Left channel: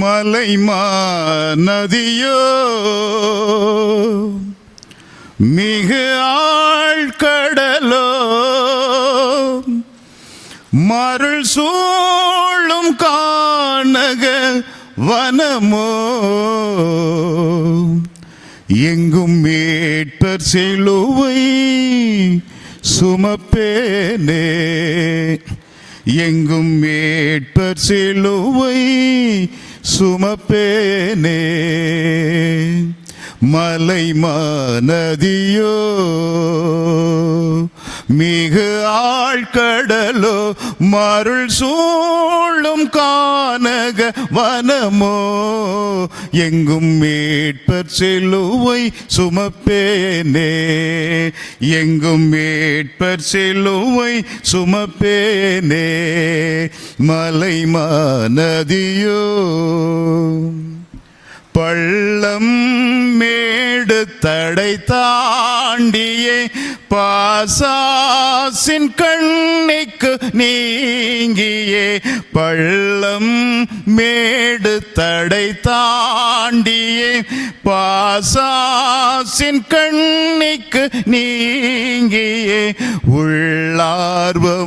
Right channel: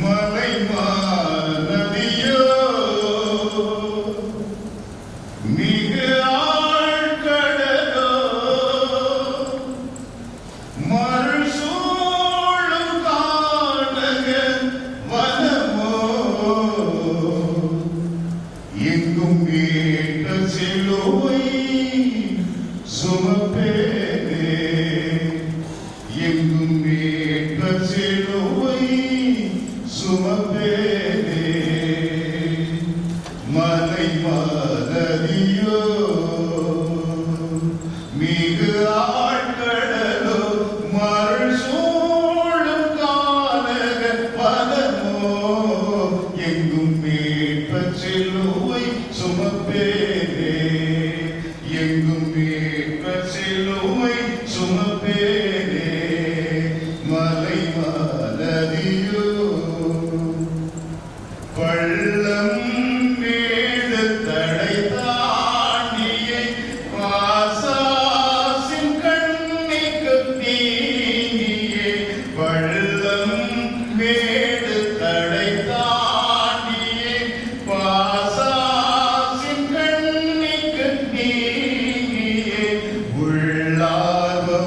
மலைமா நதியோ மிகு ஆழ்கடலோ மருள் சூழும் கானக வனமோ எங்கும் மீட்பர் சிலுவை சுமப்பேனே எங்கும் மீட்பர் சிலுவை சுமப்பேனே மலைமா நதியோ மிகு ஆழ்கடலோ மருள் சூழும் கானக வனமோ எங்கும் மீட்பர் சிலுவை சுமப்பேனே எங்கும் மீட்பர் சிலுவை சுமப்பேனே மலைமா நதியோ பள்ளம் மேடு தடை தாண்டியே பாசாசின் கண்ணிக்கு நீங்கியே பள்ளம் மேடு தடை தாண்டியே பாசாசின் கண்ணிக்கு நீங்கியே உள்ளார்வமுடன்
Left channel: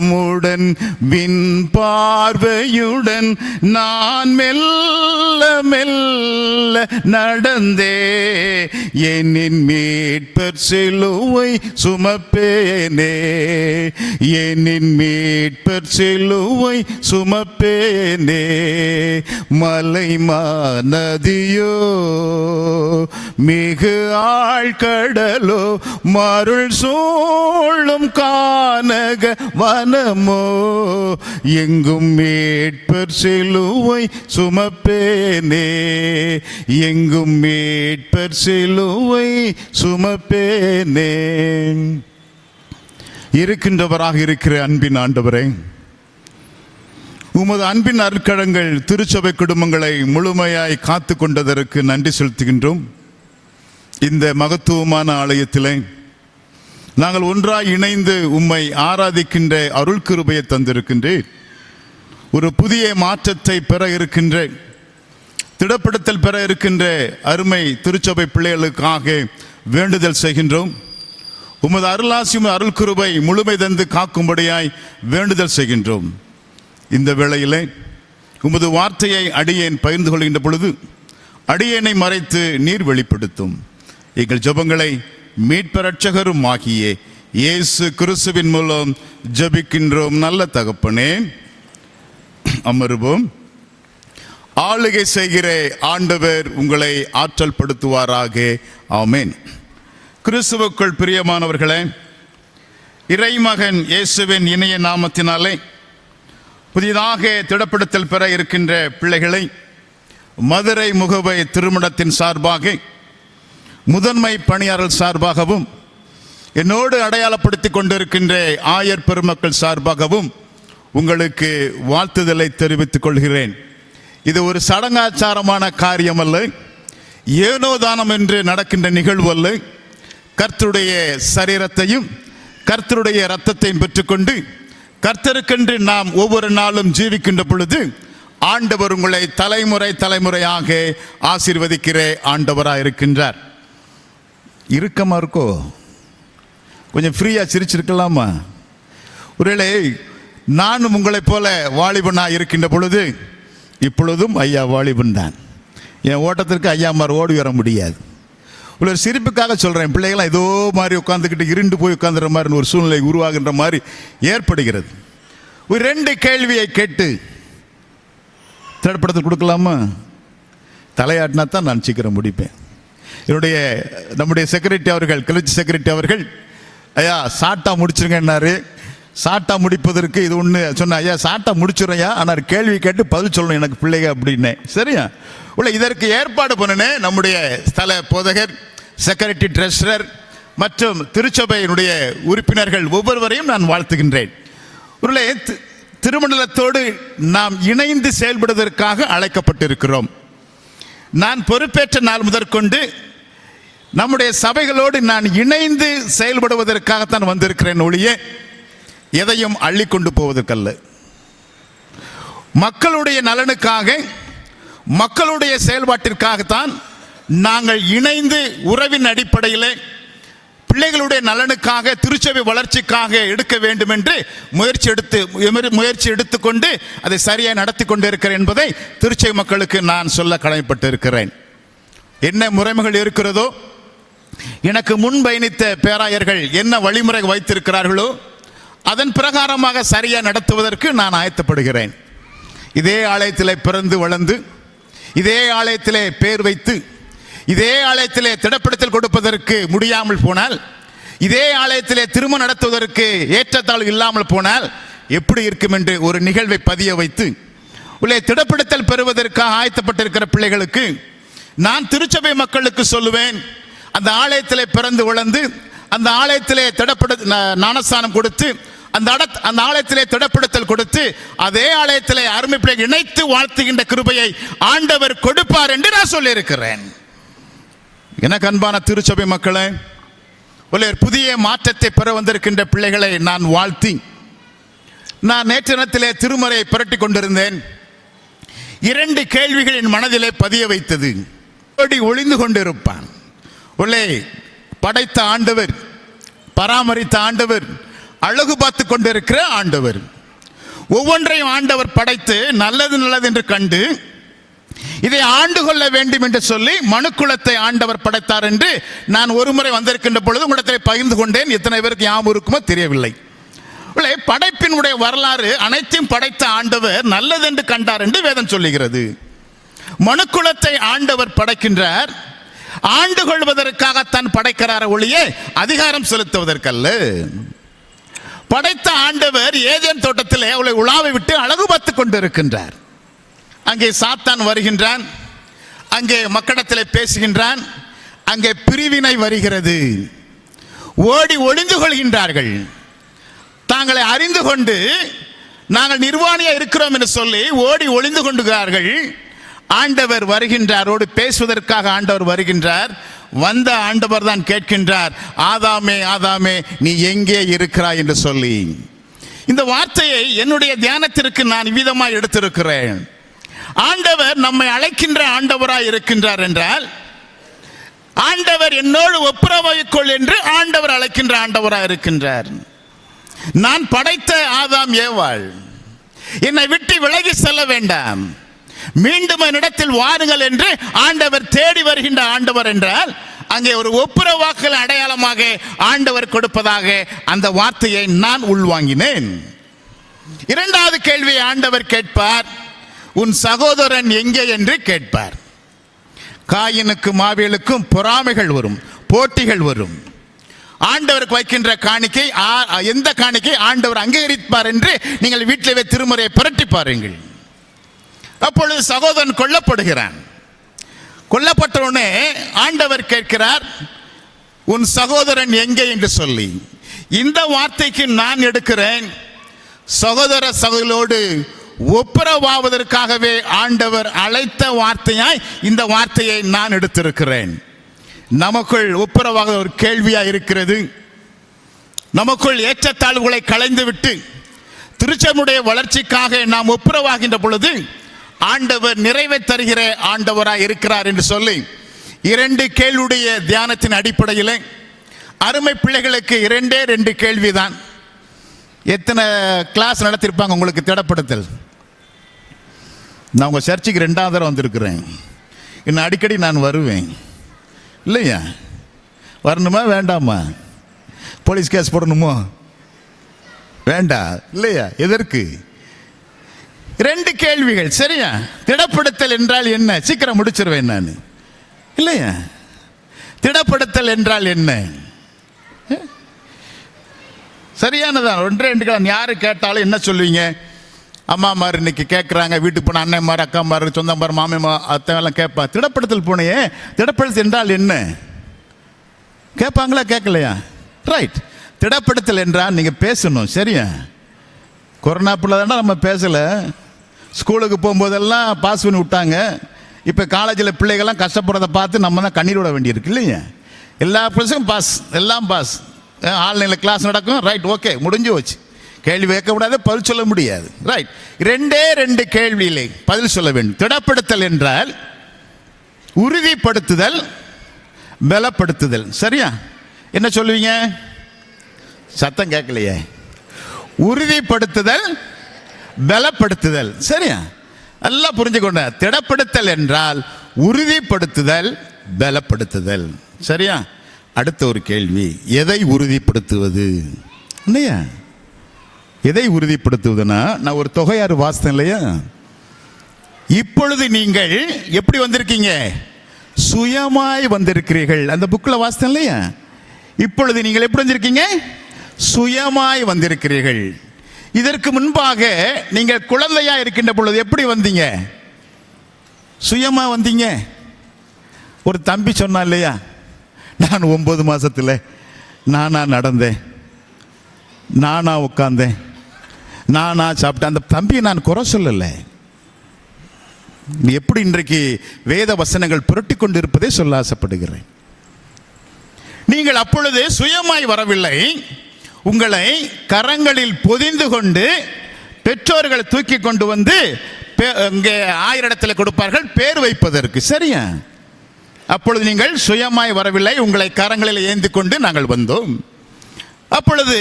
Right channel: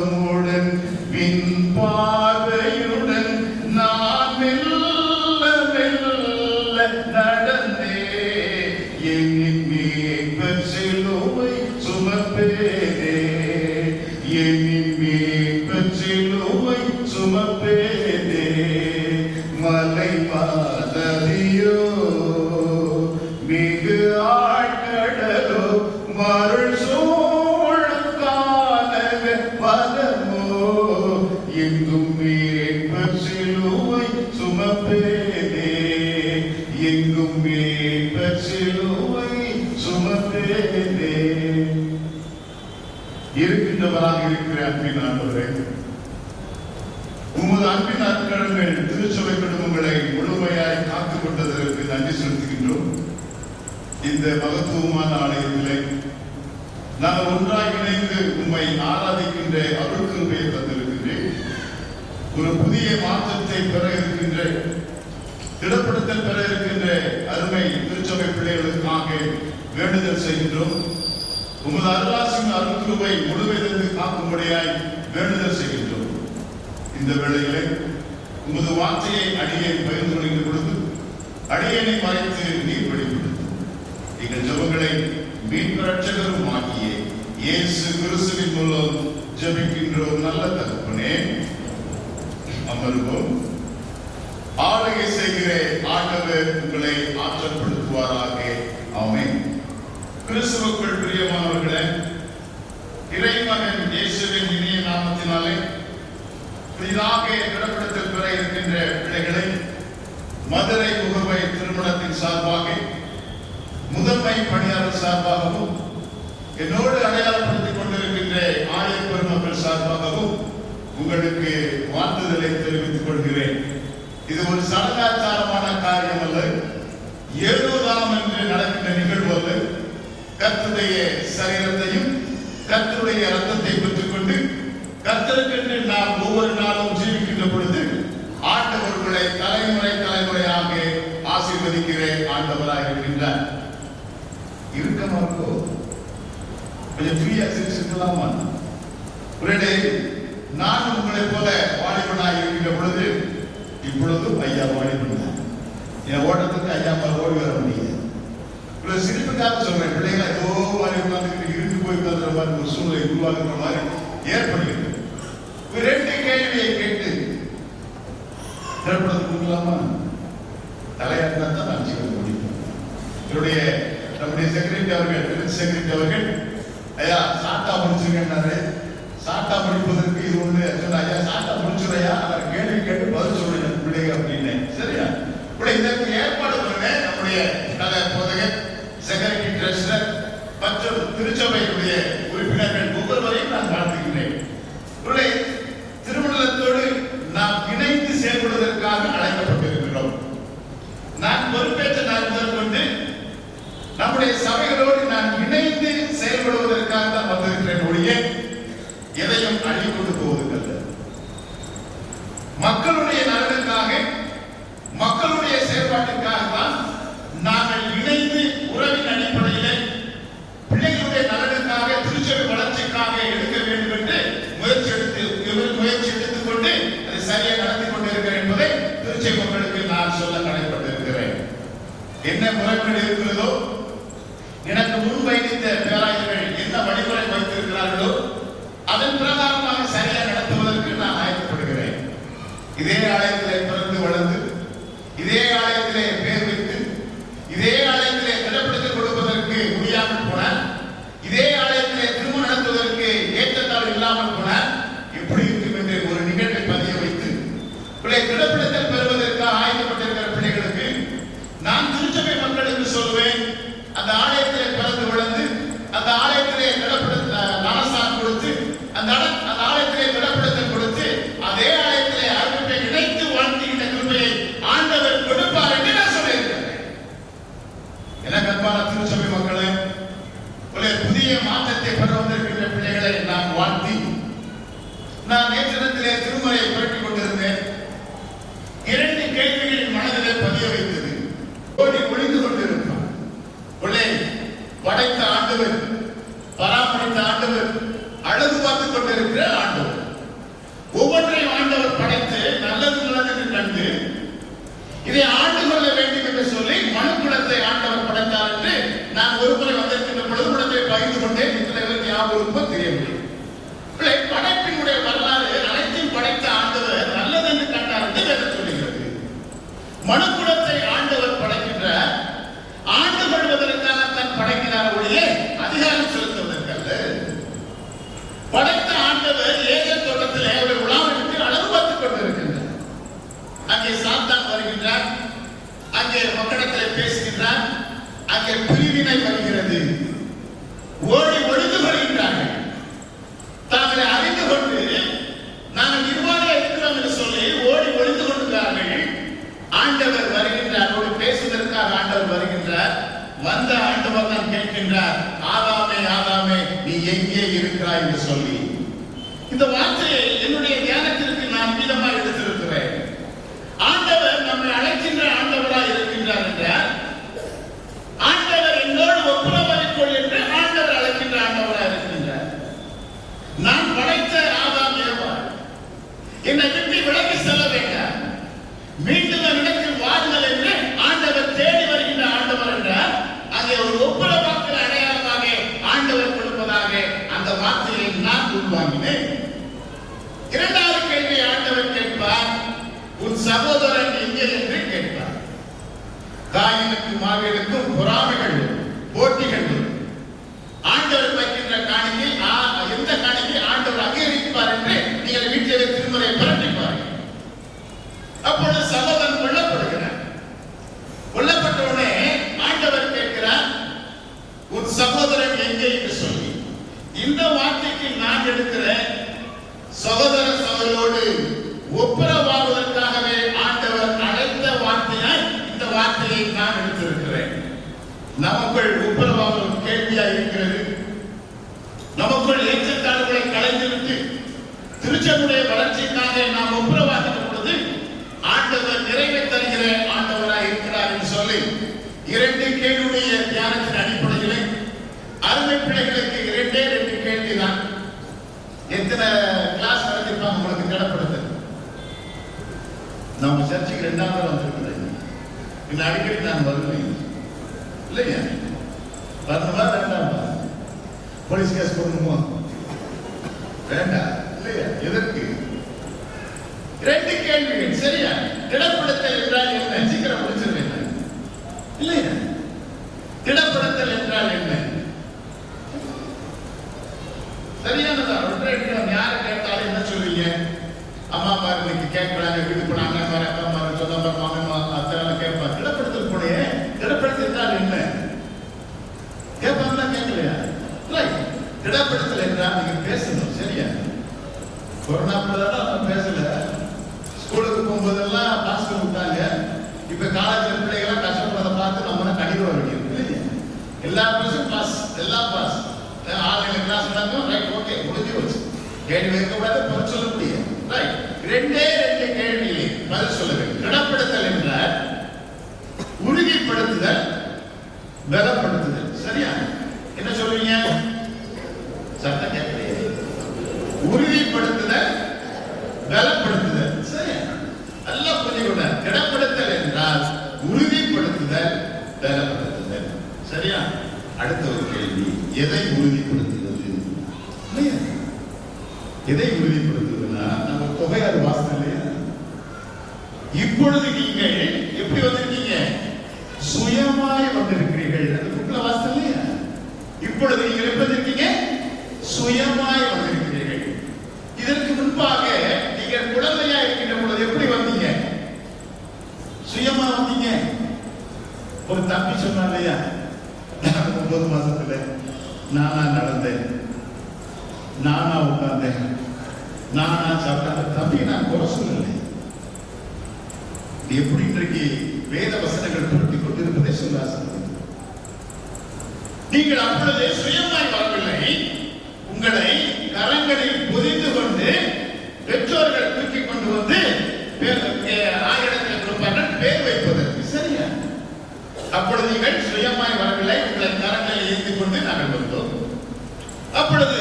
விண் பார்வையுடன் நான் மெல்ல மெல்ல நடந்தே என்னின் மீட்பர் சிலுவை சுமப்பேனே என்னின் மீட்பர் சிலுவை சுமப்பேனே மலைமா நதியோ மிகு ஆழ்கடலோ மருள் சூழும் கானக வனமோ எங்கும் மீட்பர் சிலுவை சுமப்பேனே எங்கும் மீட்பர் சிலுவை சுமப்பேனே. இருக்கின்றவராக இருக்கிற அன்பின் ஆண்டவரே, உமது அன்பின் அருட்கரங்கள் திருச்சபை குடும்பங்களை முழுமையாய் காத்து கொண்டதற்கு நன்றி செலுத்துகின்றோம். இந்த மகத்துவமான ஆலயத்திலே நாங்கள் ஒன்றாய் இணைந்து உம்மை ஆராதிக்கின்ற அருள் கிருபையை தந்திருக்கின்றேன். ஒரு புதிய மாற்றத்தை பெற இருக்கின்ற, திடப்படுத்தல் பெற இருக்கின்ற அருமை திருச்சபை பிள்ளைகளுக்காக வேண்டுதல் செய்கின்றோம். உமது அருளாசியும் அருள் கிருபை முழுமை தந்து காக்கும்படியாய் வேண்டுதல் செய்கின்றோம். இந்த வேளையிலே உமது வார்த்தையை அடியேன் பகிர்ந்து கொள்கின்ற பொழுது அடியேனை மறைத்து நீர் வெளிப்படுத்தும். எங்கள் ஜெபங்களை மீட்பர் இரட்சகரும் ஆகிய இயேசு கிறிஸ்துவின் மூலம் ஜெபிக்கின்றோம் நல்ல தகப்பனே. அமருவோம். ஆளுகை செய்கிற ஆண்டவர் உங்களை ஆற்றல் படுத்துவாராக. ஆமென். கிறிஸ்துவுக்குள் பிரியமானவர்களே, இறைமகன் இயேசுவின் இணைய நாமத்தினாலே புதிதாக திடப்படுத்தல் பெற இருக்கின்ற பிள்ளைகளை மதுரை முகவை திருமணத்தின் சார்பாக, முதன்மை பணியாளர் சார்பாகவும், என்னோடு அடையாளப்படுத்திக் கொண்டிருக்கின்ற ஆயர் பெருமக்கள் சார்பாகவும் உங்களுக்கு வாழ்த்துதலை தெரிவித்துக் கொள்கிறேன். இது ஒரு சடங்காச்சாரமான காரியம் அல்ல, ஏனோ தானம் என்று நடக்கின்ற நிகழ்வு அல்ல. கர்த்தருடைய சரீரத்தையும் கர்த்தருடைய இரத்தத்தையும் பெற்றுக்கொண்டு கர்த்தருக்கென்று நாம் ஒவ்வொரு நாளும் ஜீவிக்கின்ற பொழுது ஆண்டவர் உங்களை தலைமுறை தலைமுறையாக ஆசீர்வதிக்கிற ஆண்டவராக இருக்கின்றார். இறுக்கமா இருக்கோ? கொஞ்சம் ஃப்ரீயா சிரிச்சிருக்கலாமா? ஒருவேளை நானும் உங்களைப் போல வாலிபனாக இருக்கின்ற பொழுது, இப்பொழுதும் ஐயா வாலிபன் தான், என் ஓட்டத்திற்கு ஐயா மாதிரி ஓடி வர முடியாது. ஒரு சிரிப்புக்காக சொல்றேன். பிள்ளைகளா ஏதோ மாதிரி உட்கார்ந்துக்கிட்டு இருண்டு போய் உட்கார்ந்துற மாதிரி ஒரு சூழ்நிலை உருவாகின்ற மாதிரி ஏற்படுகிறது. ஒரு 2 கேள்வியை கேட்டு திரைப்படத்தை கொடுக்கலாமா? தலையாட்டினா தான் நான் சீக்கிரம் முடிப்பேன். நம்முடைய செக்ரட்டரி அவர்கள், கிளர்ச்சி செக்ரட்டரி அவர்கள், ஐயா சாட்டா முடிச்சிருங்கன்னாரு. சாட்டா முடிப்பதற்கு இது ஒன்று சொன்ன, ஐயா சாட்டா முடிச்சிடுறையா, ஆனால் கேள்வி கேட்டு பதில் சொல்லணும் எனக்கு பிள்ளைங்க அப்படின்னேன். சரியா? உள்ள இதற்கு ஏற்பாடு பண்ணினேன். நம்முடைய ஸ்தல போதகர், செக்ரட்டரி, ட்ரெஷரர் மற்றும் திருச்சபையினுடைய உறுப்பினர்கள் ஒவ்வொருவரையும் நான் வாழ்த்துகின்றேன். உள்ள திருமண்டலத்தோடு நாம் இணைந்து செயல்படுவதற்காக அழைக்கப்பட்டிருக்கிறோம். நான் பொறுப்பேற்ற நாள் முதற்கொண்டு நம்முடைய சபைகளோடு நான் இணைந்து செயல்படுவதற்காகத்தான் வந்திருக்கிறேன் ஒழிய எதையும் அள்ளி கொண்டு போவதற்கல்ல. மக்களுடைய நலனுக்காக, மக்களுடைய செயல்பாட்டிற்காகத்தான் நாங்கள் இணைந்து உறவின் அடிப்படையில் பிள்ளைகளுடைய நலனுக்காக திருச்சபை வளர்ச்சிக்காக எடுக்க வேண்டும் என்று முயற்சி எடுத்துக்கொண்டு அதை சரியாக நடத்தி கொண்டிருக்கிறேன் என்பதை திருச்சபை மக்களுக்கு நான் சொல்ல கடமைப்பட்டு இருக்கிறேன். என்ன முறைமைகள் இருக்கிறதோ, எனக்கு முன் பயணித்த பேராயர்கள் என்ன வழிமுறை வைத்திருக்கிறார்களோ அதன் பிரகாரமாக சரியாக நடத்துவதற்கு நான் ஆயத்தப்படுகிறேன். இதே ஆலயத்திலே பிறந்து வளர்ந்து, இதே ஆலயத்திலே பேர் வைத்து, இதே ஆலயத்திலே திடப்படுத்தல் கொடுப்பதற்கு முடியாமல் போனால், இதே ஆலயத்திலே திருமணம் நடத்துவதற்கு ஏற்றத்தாழ்வு இல்லாமல் போனால் எப்படி இருக்கும் என்று ஒரு நிகழ்வை பதிய வைத்து உள்ளே திடப்படுத்தல் பெறுவதற்காக ஆயத்தப்பட்டிருக்கிற பிள்ளைகளுக்கு நான் திருச்சபை மக்களுக்கு சொல்லுவேன், அந்த ஆலயத்திலே பிறந்து வளர்ந்து, அந்த ஆலயத்திலே ஞானஸ்தானம் கொடுத்து, அந்த ஆலயத்திலே திடப்படுத்தல் கொடுத்து, அதே ஆலயத்திலே அருமை பிள்ளை இணைத்து வாழ்த்துகின்ற கிருபையை ஆண்டவர் கொடுப்பார் என்று நான் சொல்லி இருக்கிறேன். எனக்கு அன்பான திருச்சபை மக்களே, புதிய மாற்றத்தை பெற வந்திருக்கின்ற பிள்ளைகளை நான் வாழ்த்தி, நான் நேற்று தினத்திலே திருமறையை புரட்டி கொண்டிருந்தேன். 2 கேள்விகள் என் மனதிலே பதிய வைத்தது. ஒளிந்து கொண்டிருப்பான், படைத்த ஆண்டவர், பராமரித்த ஆண்டவர், அழகு பார்த்து கொண்டிருக்கிற ஆண்டவர், ஒவ்வொன்றையும் ஆண்டவர் படைத்து நல்லது நல்லது என்று கண்டு இதை ஆண்டு கொள்ள வேண்டும் என்று சொல்லி மனுக்குலத்தை ஆண்டவர் படைத்தார் என்று நான் ஒருமுறை வந்திருக்கின்ற பொழுது உடனே பகிர்ந்து கொண்டேன். எத்தனை பேருக்கு ஞாபகம் இருக்குமோ தெரியவில்லை. படைப்பினுடைய வரலாறு அனைத்தையும் படைத்த ஆண்டவர் நல்லது என்று கண்டார் என்று வேதம் சொல்லுகிறது. மனுக்குலத்தை ஆண்டவர் படைக்கின்றார், ஆண்டு கொள்வதற்காகத்தான் படைக்கிறார் ஒழிய அதிகாரம் செலுத்துவதற்கல்ல. படைத்த ஆண்டவர் ஏதேன் தோட்டத்தில் அவளை உலாவை விட்டு அழகு பார்த்து கொண்டிருக்கின்றார். அங்கே சாத்தான் வருகின்றான், அங்கே மக்களிடத்தில் பேசுகின்றான், அங்கே பிரிவினை வருகிறது. ஓடி ஒளிந்து கொள்கின்றார்கள். தாங்களை அறிந்து கொண்டு நாங்கள் நிர்வாணியா இருக்கிறோம் என்று சொல்லி ஓடி ஒளிந்து கொண்டுகிறார்கள். ஆண்டவர் வருகின்றார், ஓடி பேசுவதற்காக ஆண்டவர் வருகின்றார். வந்த ஆண்டவர் தான் கேட்கின்றார், ஆதாமே ஆதாமே நீ எங்கே இருக்கிறாய் என்று சொல்லி. இந்த வார்த்தையை என்னுடைய தியானத்திற்கு நான் விதமாக எடுத்திருக்கிறேன். ஆண்டவர் நம்மை அழைக்கின்ற ஆண்டவராய் இருக்கின்றார் என்றால், ஆண்டவர் என்னோடு ஒப்புரவாய்க்கொள் என்று ஆண்டவர் அழைக்கின்ற ஆண்டவராய் இருக்கின்றார். நான் படைத்த ஆதாம் ஏவாள், என்னை விட்டு விலகி செல்ல வேண்டாம், மீண்டும் என்னிடத்தில் வாருங்கள் என்று ஆண்டவர் தேடி வருகின்ற ஆண்டவர் என்றால், அங்கே ஒரு ஒப்புரவாக்கல் அடையாளமாக ஆண்டவர் கொடுப்பதாக அந்த வார்த்தையை நான் உள்வாங்கினேன். 2வது கேள்வி ஆண்டவர் கேட்பார், உன் சகோதரன் எங்கே என்று கேட்பார். காயினுக்கும் ஆபேலுக்கும் பொறாமைகள் வரும், போட்டிகள் வரும். ஆண்டவருக்கு வைக்கின்ற காணிக்கை, எந்த காணிக்கை ஆண்டவர் அங்கீகரிப்பார் என்று நீங்கள் வீட்டிலே திருமுறையை புரட்டி பாருங்கள். அப்பொழுது சகோதரன் கொல்லப்படுகிறான். கொல்லப்பட்டவுடனே ஆண்டவர் கேட்கிறார், உன் சகோதரன் எங்கே என்று சொல்லி. இந்த வார்த்தைக்கு நான் எடுக்கிறேன், சகோதர சகோதரோடு ஒப்புரவாவதற்காகவே ஆண்டவர் அழைத்த வார்த்தையாய் இந்த வார்த்தையை நான் எடுத்திருக்கிறேன். நமக்குள் ஒப்புரவாக ஒரு கேள்வியா இருக்கிறது. நமக்குள் ஏற்றத்தாழ்வுகளை களைந்து விட்டு திருச்சபையுடைய வளர்ச்சிக்காக நாம் ஒப்புரவாகின்ற பொழுது ஆண்டவர் நிறைவை தருகிற ஆண்டவராய் இருக்கிறார் என்று சொல்லி 2 கேள்வியுடைய தியானத்தின் அடிப்படையில் அருமை பிள்ளைகளுக்கு 2 கேள்விதான். எத்தனை கிளாஸ் நடத்திருப்பாங்க உங்களுக்கு திடப்படுத்தல்? நான் உங்கள் சர்ச்சுக்கு 2வது தடவை வந்திருக்கிறேன். இன்னும் அடிக்கடி நான் வருவேன் இல்லையா? வரணுமா வேண்டாமா? போலீஸ் கேஸ் போடணுமோ வேண்டாம் இல்லையா? எதற்கு? 2 கேள்விகள் சரியா? திடப்படுத்தல் என்றால் என்ன? சீக்கிரம் முடிச்சிருவேன் நான் இல்லையா? திடப்படுத்தல் என்றால் என்ன? சரியானதா? 2 யாரு கேட்டாலும் என்ன சொல்லுவீங்க? அம்மா மாதிரி இன்னைக்கு கேட்குறாங்க, வீட்டுக்கு போன அண்ணன் மாதிரி, அக்கா மாதிரி, சொந்த மாதிரி, மாமியம்மா அத்தெல்லாம் கேட்பா. திடப்படுத்தல் போனையே, திடப்படுத்தல் என்றால் என்ன கேட்பாங்களா? கேட்கலையா? ரைட். திடப்படுத்தல் என்றால் நீங்க பேசணும் சரியா? கொரோனா பிள்ளைதானா நம்ம பேசல. ஸ்கூலுக்கு போகும்போதெல்லாம் பாஸ் பண்ணி விட்டாங்க. இப்போ காலேஜில் பிள்ளைகள்லாம் கஷ்டப்படுறதை பார்த்து நம்ம தான் கண்ணீர் விட வேண்டியிருக்கு இல்லையா? எல்லா ப்ளஸும் பாஸ், எல்லாம் பாஸ். ஆன்லைனில் கிளாஸ் நடக்கும், ரைட், ஓகே, முடிஞ்சு வச்சு. கேள்வி கேட்கக்கூடாது, பதில் சொல்ல முடியாது. ரைட், ரெண்டே ரெண்டு கேள்வியிலே பதில் சொல்ல வேண்டும். திடப்படுத்தல் என்றால் உறுதிப்படுத்துதல், பலப்படுத்துதல். சரியா? என்ன சொல்லுவீங்க? சத்தம் கேட்கலையே. உறுதிப்படுத்துதல், பலப்படுத்துதல். சரியா? நல்லா புரிஞ்சுக்கொண்ட. திடப்படுத்தல் என்றால் உறுதிப்படுத்துதல், பலப்படுத்துதல். சரியா? அடுத்த ஒரு கேள்வி, எதை உறுதிப்படுத்துவது? இல்லையா? எதை உறுதிப்படுத்துவதுன்னா, நான் ஒரு தொகையாறு வாசித்தேன் இல்லையா? இப்பொழுது நீங்கள் எப்படி வந்திருக்கீங்க? சுயமாய் வந்திருக்கிறீர்கள். அந்த புக்கில் வாசித்தேன் இல்லையா? இப்பொழுது நீங்கள் எப்படி வந்திருக்கீங்க? சுயமாய் வந்திருக்கிறீர்கள். இதற்கு முன்பாக நீங்கள் குழந்தையா இருக்கின்ற பொழுது எப்படி வந்தீங்க? சுயமா வந்தீங்க. ஒரு தம்பி சொன்னான் இல்லையா, நான் 9 மாசத்துல நானா நடந்தேன், நானா உட்கார்ந்தேன், நானா சாப்பிட்டேன். அந்த தம்பி நான் குறை சொல்லலை. நீ எப்படி இன்றைக்கு வேத வசனங்கள் புரட்டி கொண்டு இருப்பதை சொல்ல ஆசைப்படுகிறேன். நீங்கள் அப்பொழுது சுயமாய் வரவில்லை. உங்களை கரங்களில் பொதிந்து கொண்டு பெற்றோர்கள் தூக்கி கொண்டு வந்து இங்கே 1000 இடத்துல கொடுப்பார்கள் பேர் வைப்பதற்கு. சரியா? அப்பொழுது நீங்கள் சுயமாய் வரவில்லை, உங்களை கரங்களில் ஏந்தி கொண்டு நாங்கள் வந்தோம். அப்பொழுது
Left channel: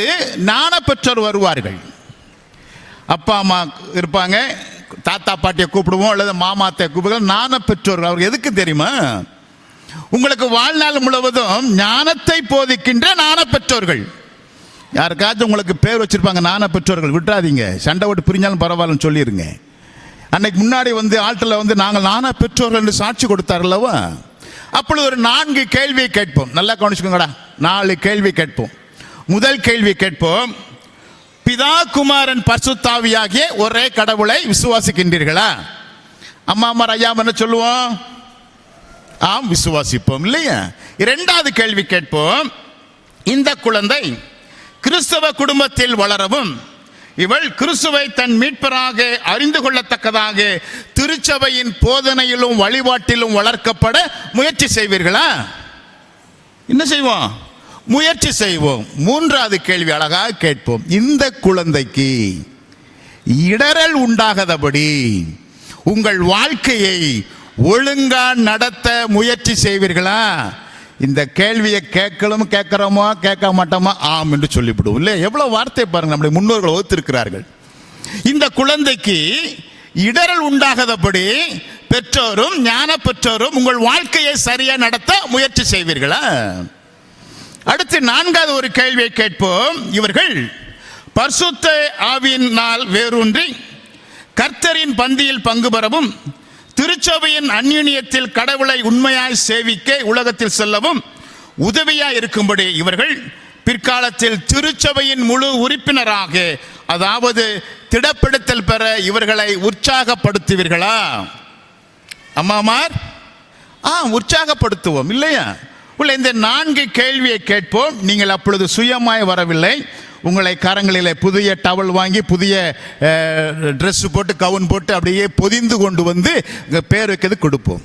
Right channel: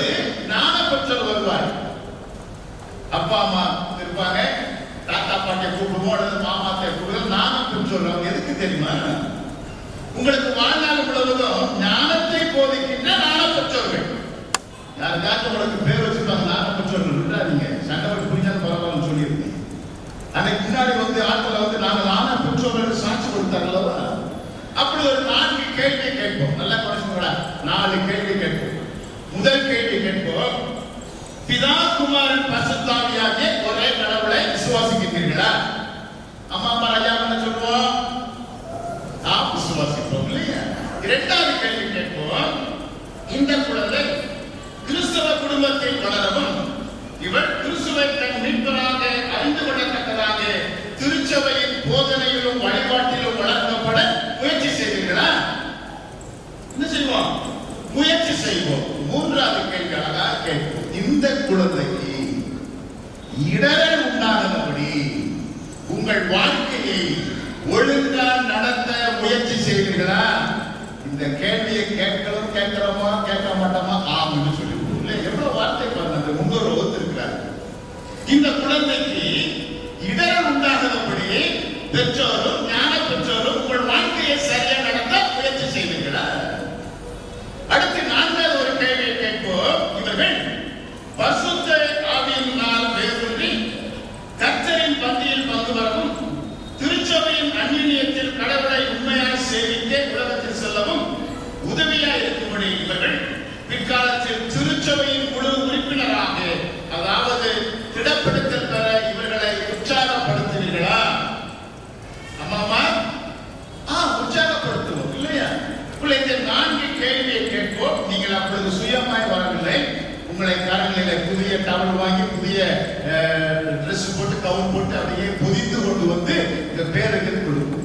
ஞான பெற்றோர் வருவார்கள். அப்பா அம்மா இருப்பாங்க, தாத்தா பாட்டியை கூப்பிடுவோம், அல்லது மாமாத்தை கூப்பிடுவோம். ஞான பெற்றோர் அவர் எதுக்கு தெரியுமா? உங்களுக்கு வாழ்நாள் முழுவதும் ஞானத்தை போதிக்கின்ற ஞான பெற்றோர்கள். யாருக்காச்சும் உங்களுக்கு பேர் வச்சிருப்பாங்க ஞான பெற்றோர்கள், விட்டுறாதீங்க. சண்டை ஓட்டு பிரிஞ்சாலும் பரவாயில்லன்னு சொல்லிருங்க. அன்னைக்கு முன்னாடி வந்து ஆட்டில் வந்து நாங்கள் ஞான பெற்றோர்கள் என்று சாட்சி கொடுத்தார்களவா? அப்பொழுது ஒரு 4 கேள்வியை கேட்போம். நல்லா கவனிச்சுக்கோங்கடா. 4 கேள்வி கேட்போம். முதல் கேள்வி கேட்போம், பிதா குமாரன் பரிசுத்தாவியாகிய ஒரே கடவுளை விசுவாசிக்கின்றீர்களா? அம்மா அம்மா ஐயா என்ன சொல்லுவோம்? ஆம், விசுவாசிப்போம் இல்லையா? இரண்டாவது கேள்வி கேட்போம், இந்த குழந்தை கிறிஸ்தவ குடும்பத்தில் வளரவும் இவள் கிறிஸ்துவை தன் மீட்பராக அறிந்து கொள்ளத்தக்கதாக திருச்சபையின் போதனையிலும் வழிபாட்டிலும் வளர்க்கப்பட முயற்சி செய்வீர்களா? என்ன செய்வோம்? முயற்சி செய்வோம். மூன்றாவது கேள்வி அழகாக கேட்போம், இந்த குழந்தைக்கு இடரல் உண்டாகாதபடி உங்கள் வாழ்க்கையை ஒழுங்கா நடத்த முயற்சி செய்வீர்களா? இந்த கேள்வியை கேட்கிறோமோ கேட்க மாட்டோமா? ஆம் என்று சொல்லிவிடுவோம். இல்லை, எவ்வளவு வார்த்தை பாருங்க, நம்முடைய முன்னோர்கள் வகுத்திருக்கிறார்கள். இந்த குழந்தைக்கு இடரல் உண்டாகாதபடி பெற்றோரும் ஞான பெற்றோரும் உங்கள் வாழ்க்கையை சரியா நடத்த முயற்சி செய்வீர்களா? அடுத்து 4வது ஒரு கேள்வியை கேட்போம், இவர்கள் பரிசுத்த ஆவியினால் வேரூன்றி கர்த்தரின் பந்தியில் பங்கு பெறவும் திருச்சபையின் அந்யுன்யத்தில் கடவுளை உண்மையாய் சேவிக்க உலகத்தில் செல்லவும் உதவியாய் இருக்கும்படி இவர்கள் பிற்காலத்தில் திருச்சபையின் முழு உறுப்பினராக, அதாவது திடப்படுத்தல் பெற இவர்களை உற்சாகப்படுத்துவீர்களா? அம்மாமா, உற்சாகப்படுத்துவோம் இல்லையா? இந்த 4 கேள்வியை கேட்போம். நீங்கள் அப்பொழுது சுயமாய் வரவில்லை. உங்களை கரங்களிலே புதிய டவல் வாங்கி புதிய ட்ரெஸ் போட்டு கவுன் போட்டு அப்படியே பொதிந்து கொண்டு வந்து பேருக்கு கொடுப்போம்.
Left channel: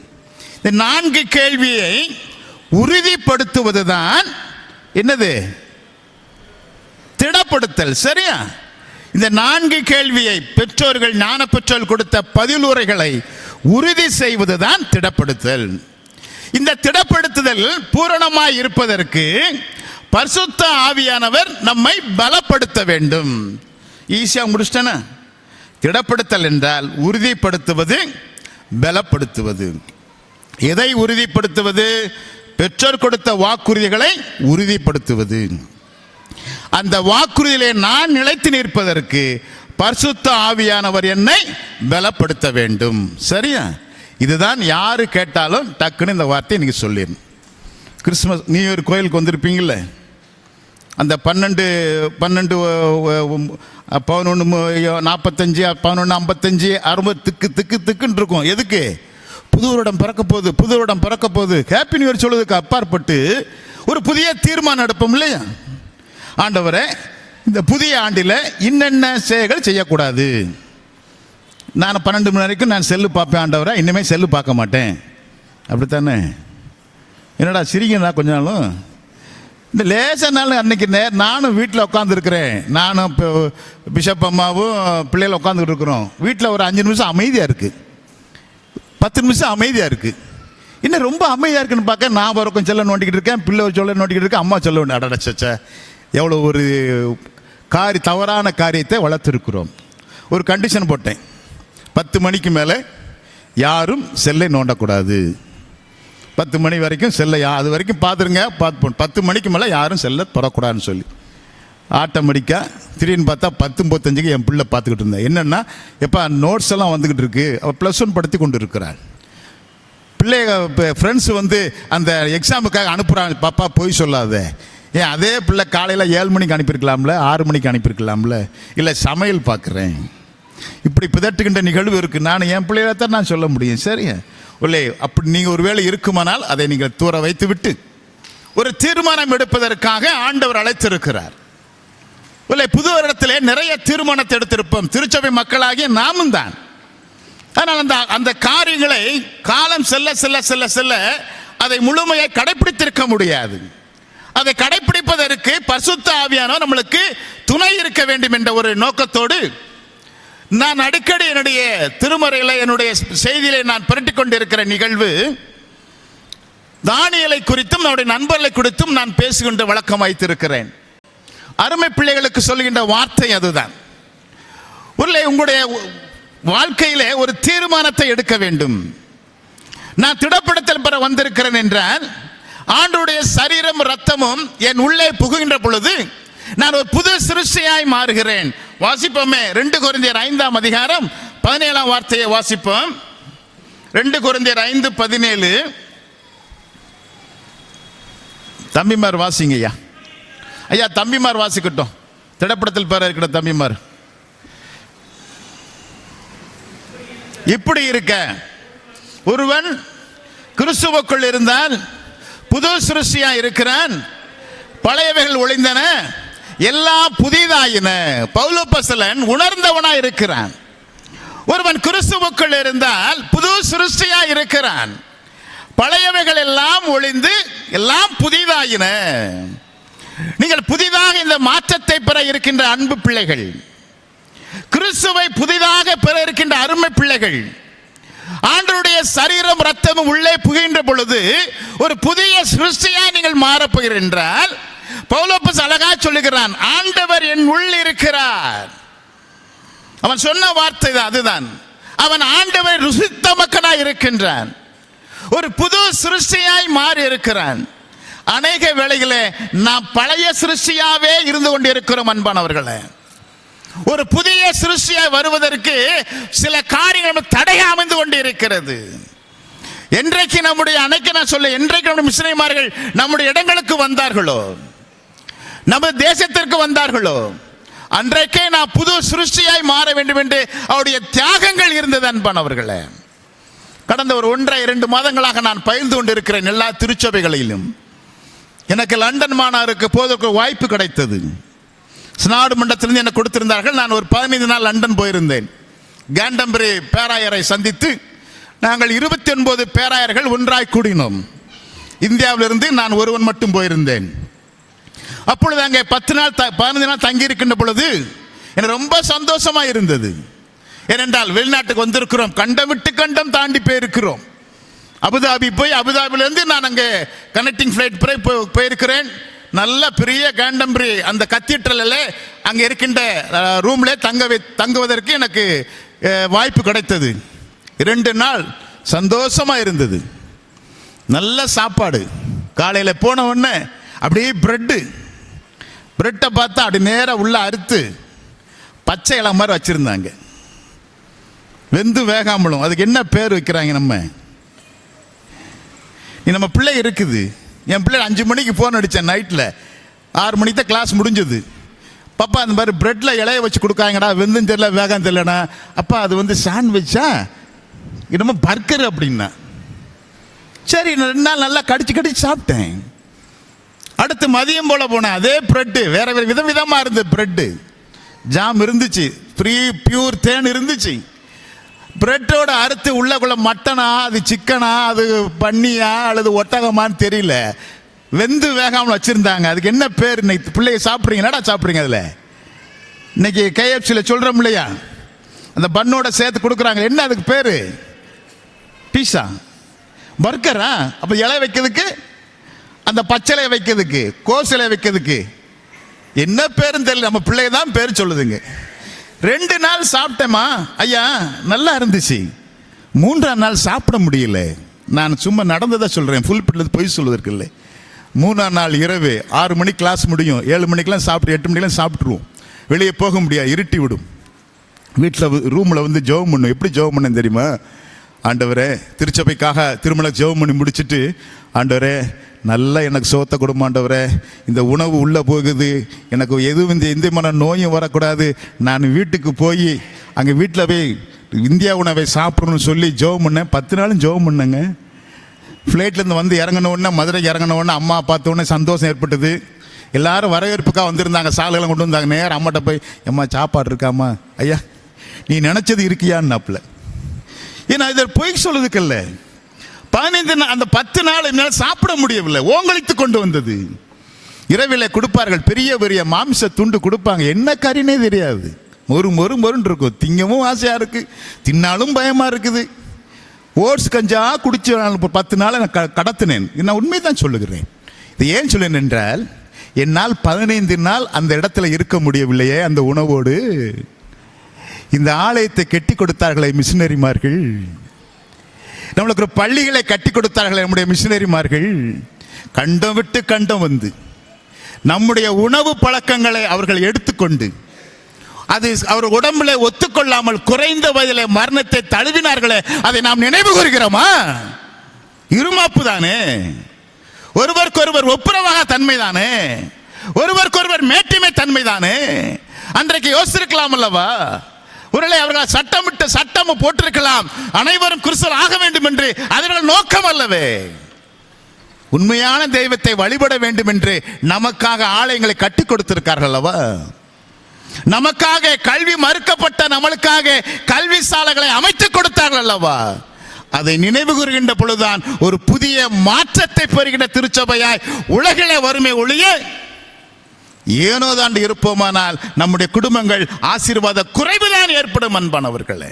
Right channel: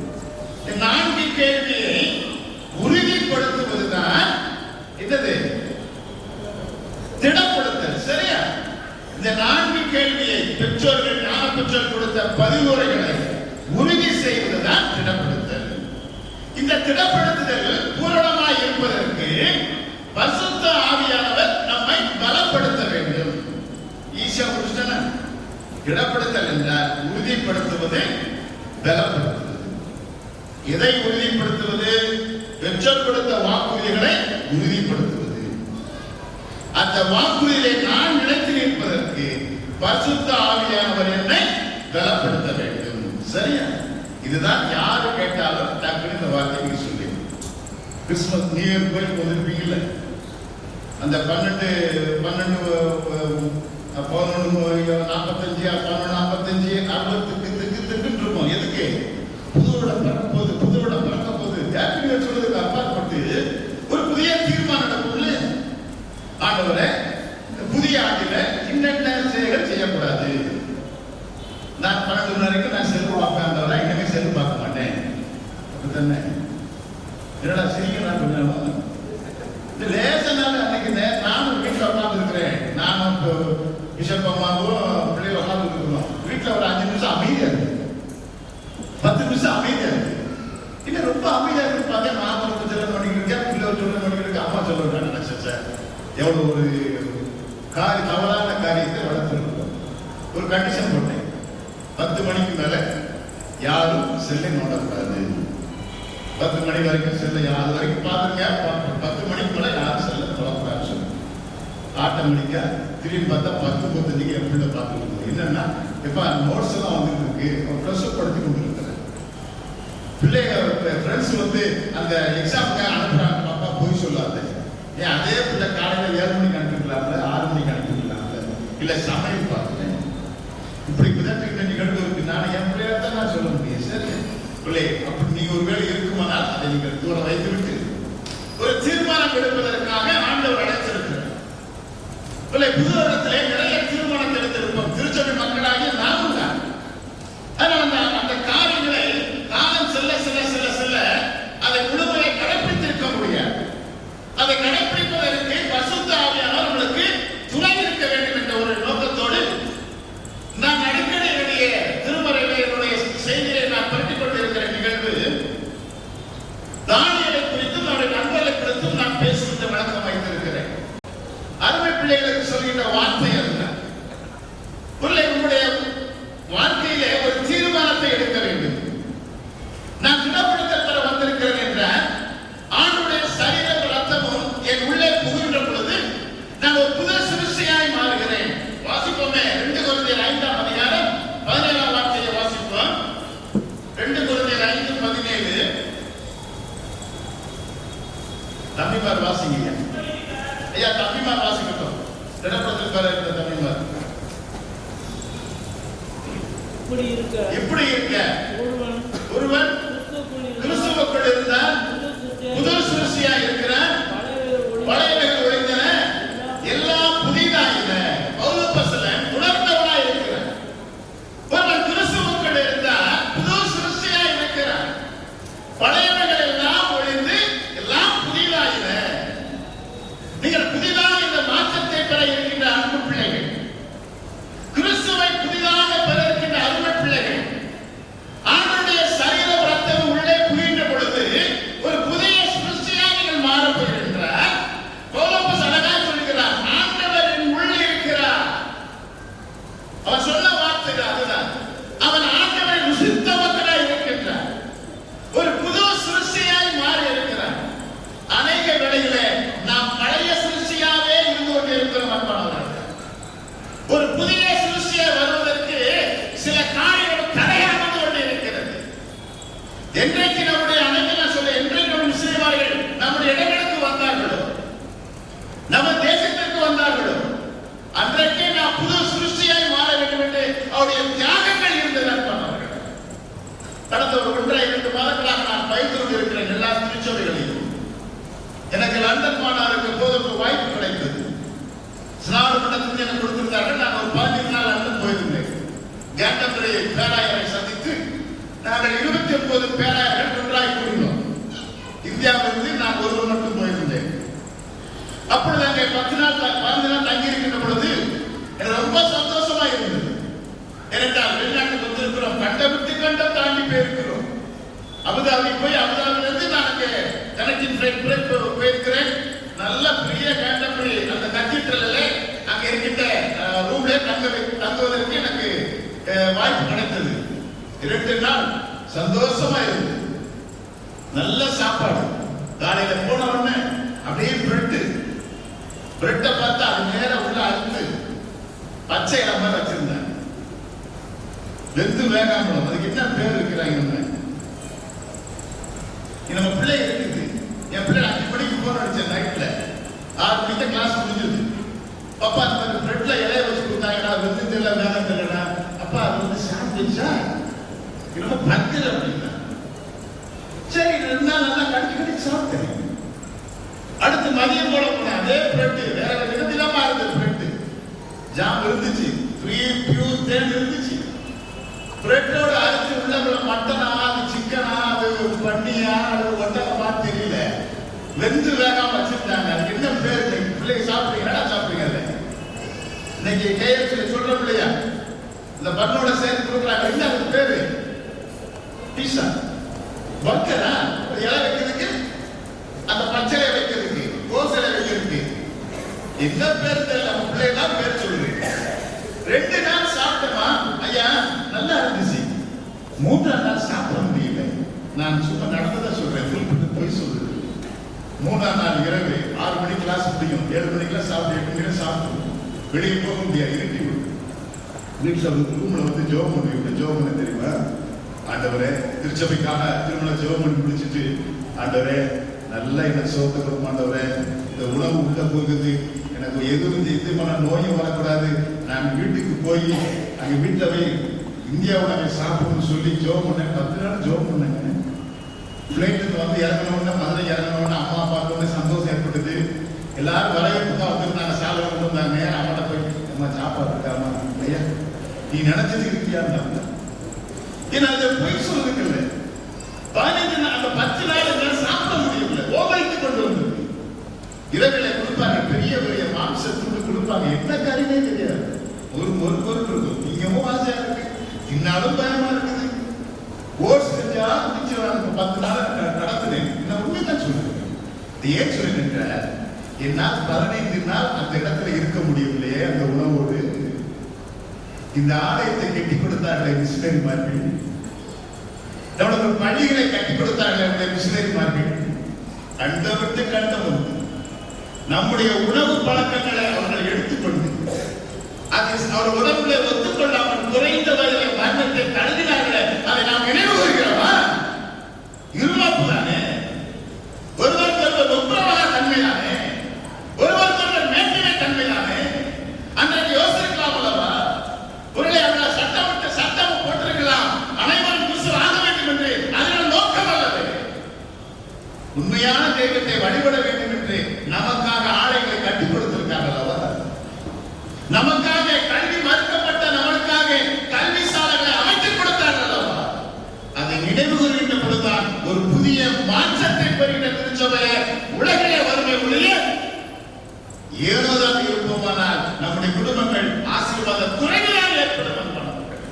இந்த 4 கேள்வியை உறுதிப்படுத்துவதுதான் என்னது? திடப்படுத்தல். சரியா? இந்த 4 கேள்வியை பெற்றோர்கள் ஞான பெற்றோர்கள் கொடுத்த பதிலுரைகளை உறுதி செய்வதுதான் திடப்படுத்தல். இந்த திடப்படுத்துதல் பூரணமாய் இருப்பதற்கு பரிசுத்த ஆவியானவர் நம்மை பலப்படுத்த வேண்டும். ஈஸியா முடிச்சிட்டேனா? திடப்படுத்தல் என்றால் உறுதிப்படுத்துவது, பலப்படுத்துவது. எதை உறுதிப்படுத்துவது? பெற்றோர் கொடுத்த வாக்குறுதிகளை உறுதிப்படுத்துவது. அந்த வாக்குறுதியிலே நான் நிலைத்து நிற்பதற்கு பரிசுத்த ஆவியானவர் என்னை பலப்படுத்த வேண்டும். சரியா? இதுதான் யாரு கேட்டாலும் டக்குன்னு இந்த வார்த்தையை நீங்க சொல்லிடணும். கிறிஸ்துமஸ் நியூ இயர் கோயிலுக்கு வந்திருப்பீங்கல்ல, அந்த 12 11 45 11 55 60 திக்குன்னு இருக்கும். எதுக்கு? புது வருடம் பிறக்க போகுது, புது வருடம் பிறக்க போகுது. ஹாப்பி நியூ இயர் சொல்வதற்கு அப்பாற்பட்டு ஒரு புதிய தீர்மானம் எடுப்போம் இல்லையா? ஆண்டவரே, இந்த புதிய ஆண்டில் இன்னென்ன செயல்கள் செய்யக்கூடாது. நான் 12 மணி வரைக்கும் நான் செல்லு பார்ப்பேன் ஆண்டவரே, இன்னுமே செல்லு பார்க்க மாட்டேன். அப்படித்தானே? என்னடா சிரிங்கண்ணா கொஞ்ச நாளும்? இந்த லேசானாலும் அன்னைக்கு நானும் வீட்டில் உட்காந்துருக்கிறேன், நானும் பிஷப் அம்மாவும் பிள்ளைகள் உட்காந்துட்டு இருக்கிறோம். வீட்டில் ஒரு 5 நிமிஷம் அமைதியாக இருக்குது, 10 நிமிஷம் அமைதியாக இருக்குது. இன்னும் ரொம்ப அமைதியாக இருக்குன்னு பார்க்க நான் வரைக்கும் செல்ல நோண்டிக்கிட்டு இருக்கேன், பிள்ளை சொல்ல நோண்டிக்கிட்டு இருக்கேன், அம்மா சொல்ல ஒன்று அடச்ச எவ்வளோ ஒரு தவறான காரியத்தை வளர்த்துருக்குறோம். ஒரு கண்டிஷன் போட்டேன், 10 மணிக்கு மேலே யாரும் செல்லை நோண்டக்கூடாது. 10 மணி வரைக்கும் செல்லை அது வரைக்கும் பார்த்துருங்க, 10 மணிக்கு மேலே யாரும் செல்ல தொடக்கூடாதுன்னு சொல்லி ஆட்டோமேட்டிக்காக திடீர்னு பார்த்தா 10:35 என் பிள்ளை பார்த்துக்கிட்டு இருந்தேன். என்னென்னா எப்போ நோட்ஸ் எல்லாம் வந்துக்கிட்டு இருக்கு, அவள் +1 படுத்தி கொண்டு இருக்கிறாள். பிள்ளைங்க இப்போ ஃப்ரெண்ட்ஸ் வந்து அந்த எக்ஸாமுக்காக அனுப்புகிறாங்க, பாப்பா போய் சொல்லாத. ஏன் அதே பிள்ளை காலையில் 7 மணிக்கு அனுப்பியிருக்கலாம்ல, 6 மணிக்கு அனுப்பியிருக்கலாம்ல, இல்லை சமையல் பார்க்குறேன், இப்படி பிதட்டுகின்ற நிகழ்வு இருக்குது. நான் என் பிள்ளைகளை தான் நான் சொல்ல முடியும். சரி இல்லை, அப்படி நீங்கள் ஒரு வேளை இருக்குமானால் அதை நீங்கள் தூர வைத்து விட்டு ஒரு தீர்மானம் எடுப்பதற்காக ஆண்டவர் அழைத்திருக்கிறார். இல்லை, புது வருடத்திலே நிறைய தீர்மானத்தை எடுத்திருப்போம், திருச்சபை மக்களாகிய நாமும் தான். ஆனால் அந்த காரியங்களை காலம் செல்ல செல்ல செல்ல செல்ல அதை முழுமையை கடைபிடித்திருக்க முடியாது. அதை கடைபிடிப்பதற்கு பரிசுத்த ஆவியானவர் நம்மளுக்கு துணை இருக்க வேண்டும் என்ற ஒரு நோக்கத்தோடு நான் அடிக்கடி என்னுடைய திருமறைகளை என்னுடைய செய்தியை நான் புரட்டிக் கொண்டிருக்கிற நிகழ்வு தானியேலை குறித்தும் நம்முடைய நண்பர்களை குறித்தும் நான் பேசுகின்ற வழக்கம் வைத்திருக்கிறேன். அருமை பிள்ளைகளுக்கு சொல்கின்ற வார்த்தை அதுதான். உங்களுடைய வாழ்க்கையிலே ஒரு தீர்மானத்தை எடுக்க வேண்டும். நான் திடப்படுத்தல் பெற வந்திருக்கிறேன் என்றால் ஆண்டவருடைய சரீரம் ரத்தமும் என் உள்ளே புகுகின்ற பொழுது நான் ஒரு புது சிருஷ்டியாய் மாறுகிறேன். வாசிப்போமே 2 கொரிந்தியர் 5ஆம் அதிகாரம் 17ஆம் வார்த்தையை வாசிப்போம். 2 கொரிந்தியர் 5:17. தம்பிமார் வாசிங்க ஐயா. ஐயா தம்பிமார் வாசிக்கட்டும், திடப்படத்தில் பெற இருக்கிற தம்பிமார். இப்படி இருக்க ஒருவன் கிறிஸ்துவுக்குள் இருந்தால் புது சிருஷ்டியா இருக்கிறான், பழையவைகள் ஒளிந்தன, எல்லாம் புதிதாயின. பவுலப்போஸ்தலன் உணர்ந்தவனாய் இருக்கிறான். ஒருவன் கிறிஸ்துவுக்குள் இருந்தால் புது சிருஷ்டியா இருக்கிறான், பழையவைகள் எல்லாம் ஒளிந்து எல்லாம் புதிதாயின. நீங்கள் புதிதாக இந்த மாற்றத்தை பெற இருக்கின்ற அன்பு பிள்ளைகள், கிறிஸ்துவை புதிதாக பெற இருக்கின்ற அருமை பிள்ளைகள், ஆண்டவருடைய சரீரம் ரத்தமும் உள்ளே புகின்ற பொழுது ஒரு புதிய சிருஷ்டியாய் நீங்கள் மாறப்போகிறீர்கள் என்றால் பவுலப்போஸ் அழகா சொல்லுகிறான், ஆண்டவர் என் உள் இருக்கிறார். அவன் சொன்ன வார்த்தை அதுதான். அவன் ஆண்டவரை ருசித்த மக்களாய் இருக்கின்றான், ஒரு புது சிருஷ்டியாய் மாறி இருக்கிறான். அநேக வேளையிலே நாம் பழைய சிருஷ்டியாவே இருந்து கொண்டிருக்கிறோம் அன்பானவர்களே. ஒரு புதிய சிருஷ்டியாய் வருவதற்கு சில காரியங்கள் தடையாக அமைந்து கொண்டிருக்கிறது. என்றைக்கு நம்முடைய என்றைக்கு நம்முடைய மிஷனரிமார்கள் நம்முடைய இடங்களுக்கு வந்தார்களோ, நம்ம தேசத்திற்கு வந்தார்களோ, அன்றைக்கே நான் புது சிருஷ்டியாய் மாற வேண்டும் என்று அவருடைய தியாகங்கள் இருந்தது அன்பானவர்களே. கடந்த ஒரு 1.5-2 மாதங்களாக நான் பயிர்ந்து கொண்டிருக்கிறேன் எல்லா திருச்சபைகளிலும். எனக்கு லண்டன் மாநாடுக்கு போதற்கு வாய்ப்பு கிடைத்தது. ஸ்நாடு மண்டலத்திலிருந்து எனக்கு கொடுத்திருந்தார்கள். நான் ஒரு 15 நாள் லண்டன் போயிருந்தேன். கேண்டம்பரி பேராயரை சந்தித்து நாங்கள் 29 பேராயர்கள் ஒன்றாய் கூடினோம். இந்தியாவிலிருந்து நான் ஒருவன் மட்டும் போயிருந்தேன். அப்பொழுது அங்கே 15 நாள் தங்கி இருக்கின்ற பொழுது எனக்கு ரொம்ப சந்தோஷமா இருந்தது. ஏனென்றால் வெளிநாட்டுக்கு வந்திருக்கிறோம், கண்டம் விட்டு கண்டம் தாண்டி போயிருக்கிறோம். அபுதாபி போய் அபுதாபிலிருந்து நான் அங்கே கனெக்டிங் ஃபிளைட் போயிருக்கிறேன். நல்ல பெரிய கேண்டம்பரி அந்த கத்தீட்ரலில் அங்கே இருக்கின்ற ரூம்லே தங்குவதற்கு எனக்கு வாய்ப்பு கிடைத்தது. 2 நாள் சந்தோஷமா இருந்தது. நல்ல சாப்பாடு. காலையில் போன உடனே அப்படியே பிரெட்டை பார்த்தா அப்படி நேரம் உள்ள அறுத்து பச்சை இலை மாதிரி வச்சிருந்தாங்க, வெந்து வேகாமலும். அதுக்கு என்ன பேர் வைக்கிறாங்க? நம்ம பிள்ளை இருக்குது. என் பிள்ளை 5 மணிக்கு ஃபோன் அடித்தேன், நைட்டில் 6 மணிக்கு தான் கிளாஸ் முடிஞ்சது. பாப்பா அந்த மாதிரி பிரெட்டில் இலைய வச்சு கொடுக்காங்கடா, வெந்தும் தெரியல வேகம் தெரியலடா. அப்பா அது வந்து சாண்ட்விச்சா, என்னமோ பர்கர் அப்படின்னா. சரி 2 நாள் நல்லா கடிச்சு சாப்பிட்டேன். அடுத்து மதியம் போல போனேன், அதே பிரெட்டு வேற வேற விதவிதமா இருந்தது. பிரெட்டு ஜாம் இருந்துச்சு, பியூர் தேன் இருந்துச்சு. பிரெட்டோட அறுத்து உள்ளக்குள்ள மட்டனா, அது சிக்கனா, அது பன்னியா அல்லது ஒட்டகமான்னு தெரியல, வெந்து வேகாம வச்சிருந்தாங்க. அதுக்கு என்ன பேர்? இன்னைக்கு பிள்ளைய சாப்பிட்றீங்க, என்னடா சாப்பிட்றீங்க? அதில் இன்னைக்கு KFCல சொல்றோம் இல்லையா, அந்த பன்னோட சேர்த்து கொடுக்குறாங்க. என்ன அதுக்கு பேரு? பீஸா, பர்கரா? அப்ப இலை வைக்கிறதுக்கு, அந்த பச்சைலை வைக்கிறதுக்கு, கோசிலை வைக்கிறதுக்கு என்ன பேருன்னு தெரியல. நம்ம பிள்ளை தான் பேர் சொல்லுதுங்க. 2 நாள் சாப்பிட்டேமா ஐயா, நல்லா இருந்துச்சு. 3ஆம் நாள் சாப்பிட முடியல. நான் சும்மா நடந்ததை சொல்றேன், ஃபுல் பொய் சொல்வதற்கு இல்லை. 3ஆம் நாள் இரவு 6 மணிக்கு கிளாஸ் முடியும், 7 மணிக்கெல்லாம் சாப்பிட்டு 8 மணிக்கெல்லாம் சாப்பிட்டுருவோம். வெளியே போக முடியாது, இருட்டி விடும். வீட்டில் ரூமில் வந்து ஜெபம் பண்ணும். எப்படி ஜெபம் பண்ணேன் தெரியுமா? ஆண்டவரே, திருச்சபைக்காக திருமண ஜெபம் பண்ணி முடிச்சுட்டு, ஆண்டவரே நல்லா எனக்கு சோத்த கொடுமா ஆண்டவரே, இந்த உணவு உள்ளே போகுது, எனக்கு எதுவும் எந்த மன நோயும் வரக்கூடாது, நான் வீட்டுக்கு போய் அங்கே வீட்டில் போய் இந்தியா உணவை சாப்பிடணும்னு சொல்லி ஜெபம் பண்ணேன். 10 நாளும் ஜெபம் பண்ணேங்க. ஃப்ளைட்லேருந்து வந்து இறங்கின உடனே, மதுரை இறங்கின உடனே அம்மா பார்த்த உடனே சந்தோஷம் ஏற்பட்டது. எல்லாரும் வரவேற்புக்காக வந்திருந்தாங்க, சாலையெல்லாம் கொண்டு வந்தாங்க. நேரம் அம்மாட்ட போய், அம்மா சாப்பாடு இருக்காம்மா? ஐயா நீ நினைச்சது இருக்கியான்னாப்புல. ஏன்னா இதில் பொய் சொல்லுறதுக்கு இல்லை. 15 நாள், அந்த 10 நாள் என்னால் சாப்பிட முடியவில்லை, ஓங்கழித்து கொண்டு வந்தது. இரவில் கொடுப்பார்கள், பெரிய பெரிய மாமிச துண்டு கொடுப்பாங்க. என்ன கறினே தெரியாது, மொறுன்னு இருக்கும். திங்கமும் ஆசையா இருக்கு, தின்னாலும் பயமா இருக்குது. ஓட்ஸ் கஞ்சா குடிச்ச 10 நாள் கடத்தினேன். நான் உண்மை தான் சொல்லுகிறேன். இது ஏன் சொல்லேன் என்றால், என்னால் 15 நாள் அந்த இடத்துல இருக்க முடியவில்லையே அந்த உணவோடு. இந்த ஆலயத்தை கட்டி கொடுத்தார்களே மிஷினரிமார்கள், நம்மளுக்கு பள்ளிகளை கட்டி கொடுத்தார்களே நம்முடைய மிஷினரிமார்கள், கண்டம் விட்டு கண்டம் வந்து நம்முடைய உணவு பழக்கங்களை அவர்கள் எடுத்துக்கொண்டு, அது அவர் உடம்புல ஒத்துக்கொள்ளாமல் குறைந்த வயதிலே மரணத்தை தழுவினார்களே, அதை நாம் நினைவு கூறுகிறோமா? இருமாப்பு தானே, ஒருவருக்கொருவர் ஒப்புரவாக தன்மை தானே, ஒருவருக்கொருவர் மேட்டிமை தன்மை தானே. அன்றைக்கு யோசிச்சிருக்கலாம் அல்லவா? ஒருவேளை அவர்கள் சட்டம் போட்டிருக்கலாம், அனைவரும் கிறிஸ்தவர் ஆக வேண்டும் என்று. அதனால் நோக்கம் அல்லவே. உண்மையான தெய்வத்தை வழிபட வேண்டும் என்று நமக்காக ஆலயங்களை கட்டி கொடுத்திருக்கார்கள் அல்லவா? நமக்காக கல்வி மறுக்கப்பட்ட நம்மளுக்காக கல்வி சாலைகளை அமைத்துக் கொடுத்தார்கள் அல்லவா? அதை நினைவு கூறுகின்ற பொழுதுதான் ஒரு புதிய மாற்றத்தை பெறுகின்ற திருச்சபையாய் உலகிலே வறுமை ஒழிய ஏனோதான் இருப்போமானால் நம்முடைய குடும்பங்கள் ஆசீர்வாத குறைவுதான் ஏற்படும். அன்பானவர்களே,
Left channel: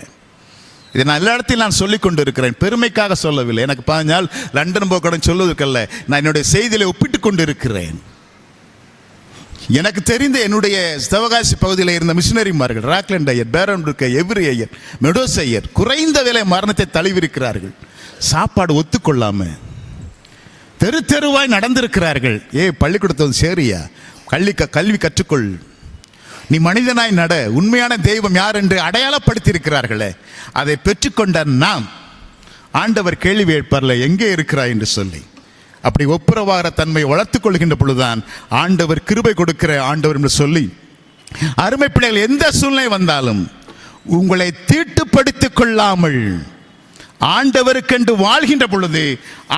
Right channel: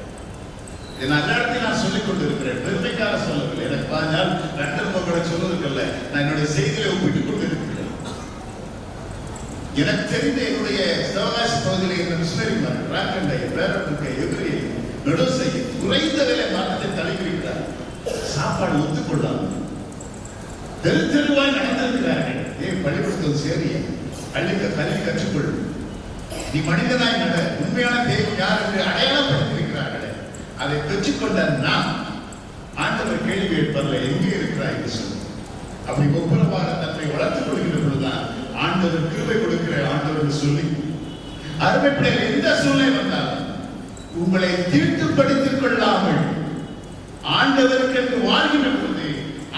இதை நான் எல்லா இடத்தையும் நான் சொல்லிக் கொண்டிருக்கிறேன், பெருமைக்காக சொல்லவில்லை. எனக்கு 15 நாள் லண்டன் போக்கடை சொல்வதற்கல்ல, நான் என்னுடைய செய்தியில ஒப்பிட்டுக் கொண்டிருக்கிறேன். எனக்கு தெரிந்த என்னுடைய ஸ்தவகாசி பகுதியில் இருந்த மிஷினரிமார்கள், ராக்லண்ட் ஐயர், பேரன் எவ்ரி ஐயர், மெடோஸ் ஐயர், குறைந்த விலை மரணத்தை தழுவிருக்கிறார்கள். சாப்பாடு ஒத்துக்கொள்ளாம தெரு தெருவாய் நடந்திருக்கிறார்கள். பள்ளிக்கூடத்தை சேரியா, கல்வி கற்றுக்கொள், நீ மனிதனாய் நட, உண்மையான தெய்வம் யார் என்று அடையாளப்படுத்தி இருக்கிறார்களே, அதை பெற்றுக்கொண்ட நான் ஆண்டவர் கேள்வி எழுப்பார்ல, எங்கே இருக்கிறாய் என்று சொல்லி. அப்படி ஒப்புரவாகிற தன்மை வளர்த்துக் கொள்கின்ற பொழுதுதான் ஆண்டவர் கிருபை கொடுக்கிற ஆண்டவர் என்று சொல்லி, அருமை பிள்ளைகள், எந்த சூழ்நிலை வந்தாலும் உங்களை தீட்டுப்படுத்திக் கொள்ளாமல் ஆண்டவருக்கென்று வாழ்கின்ற பொழுது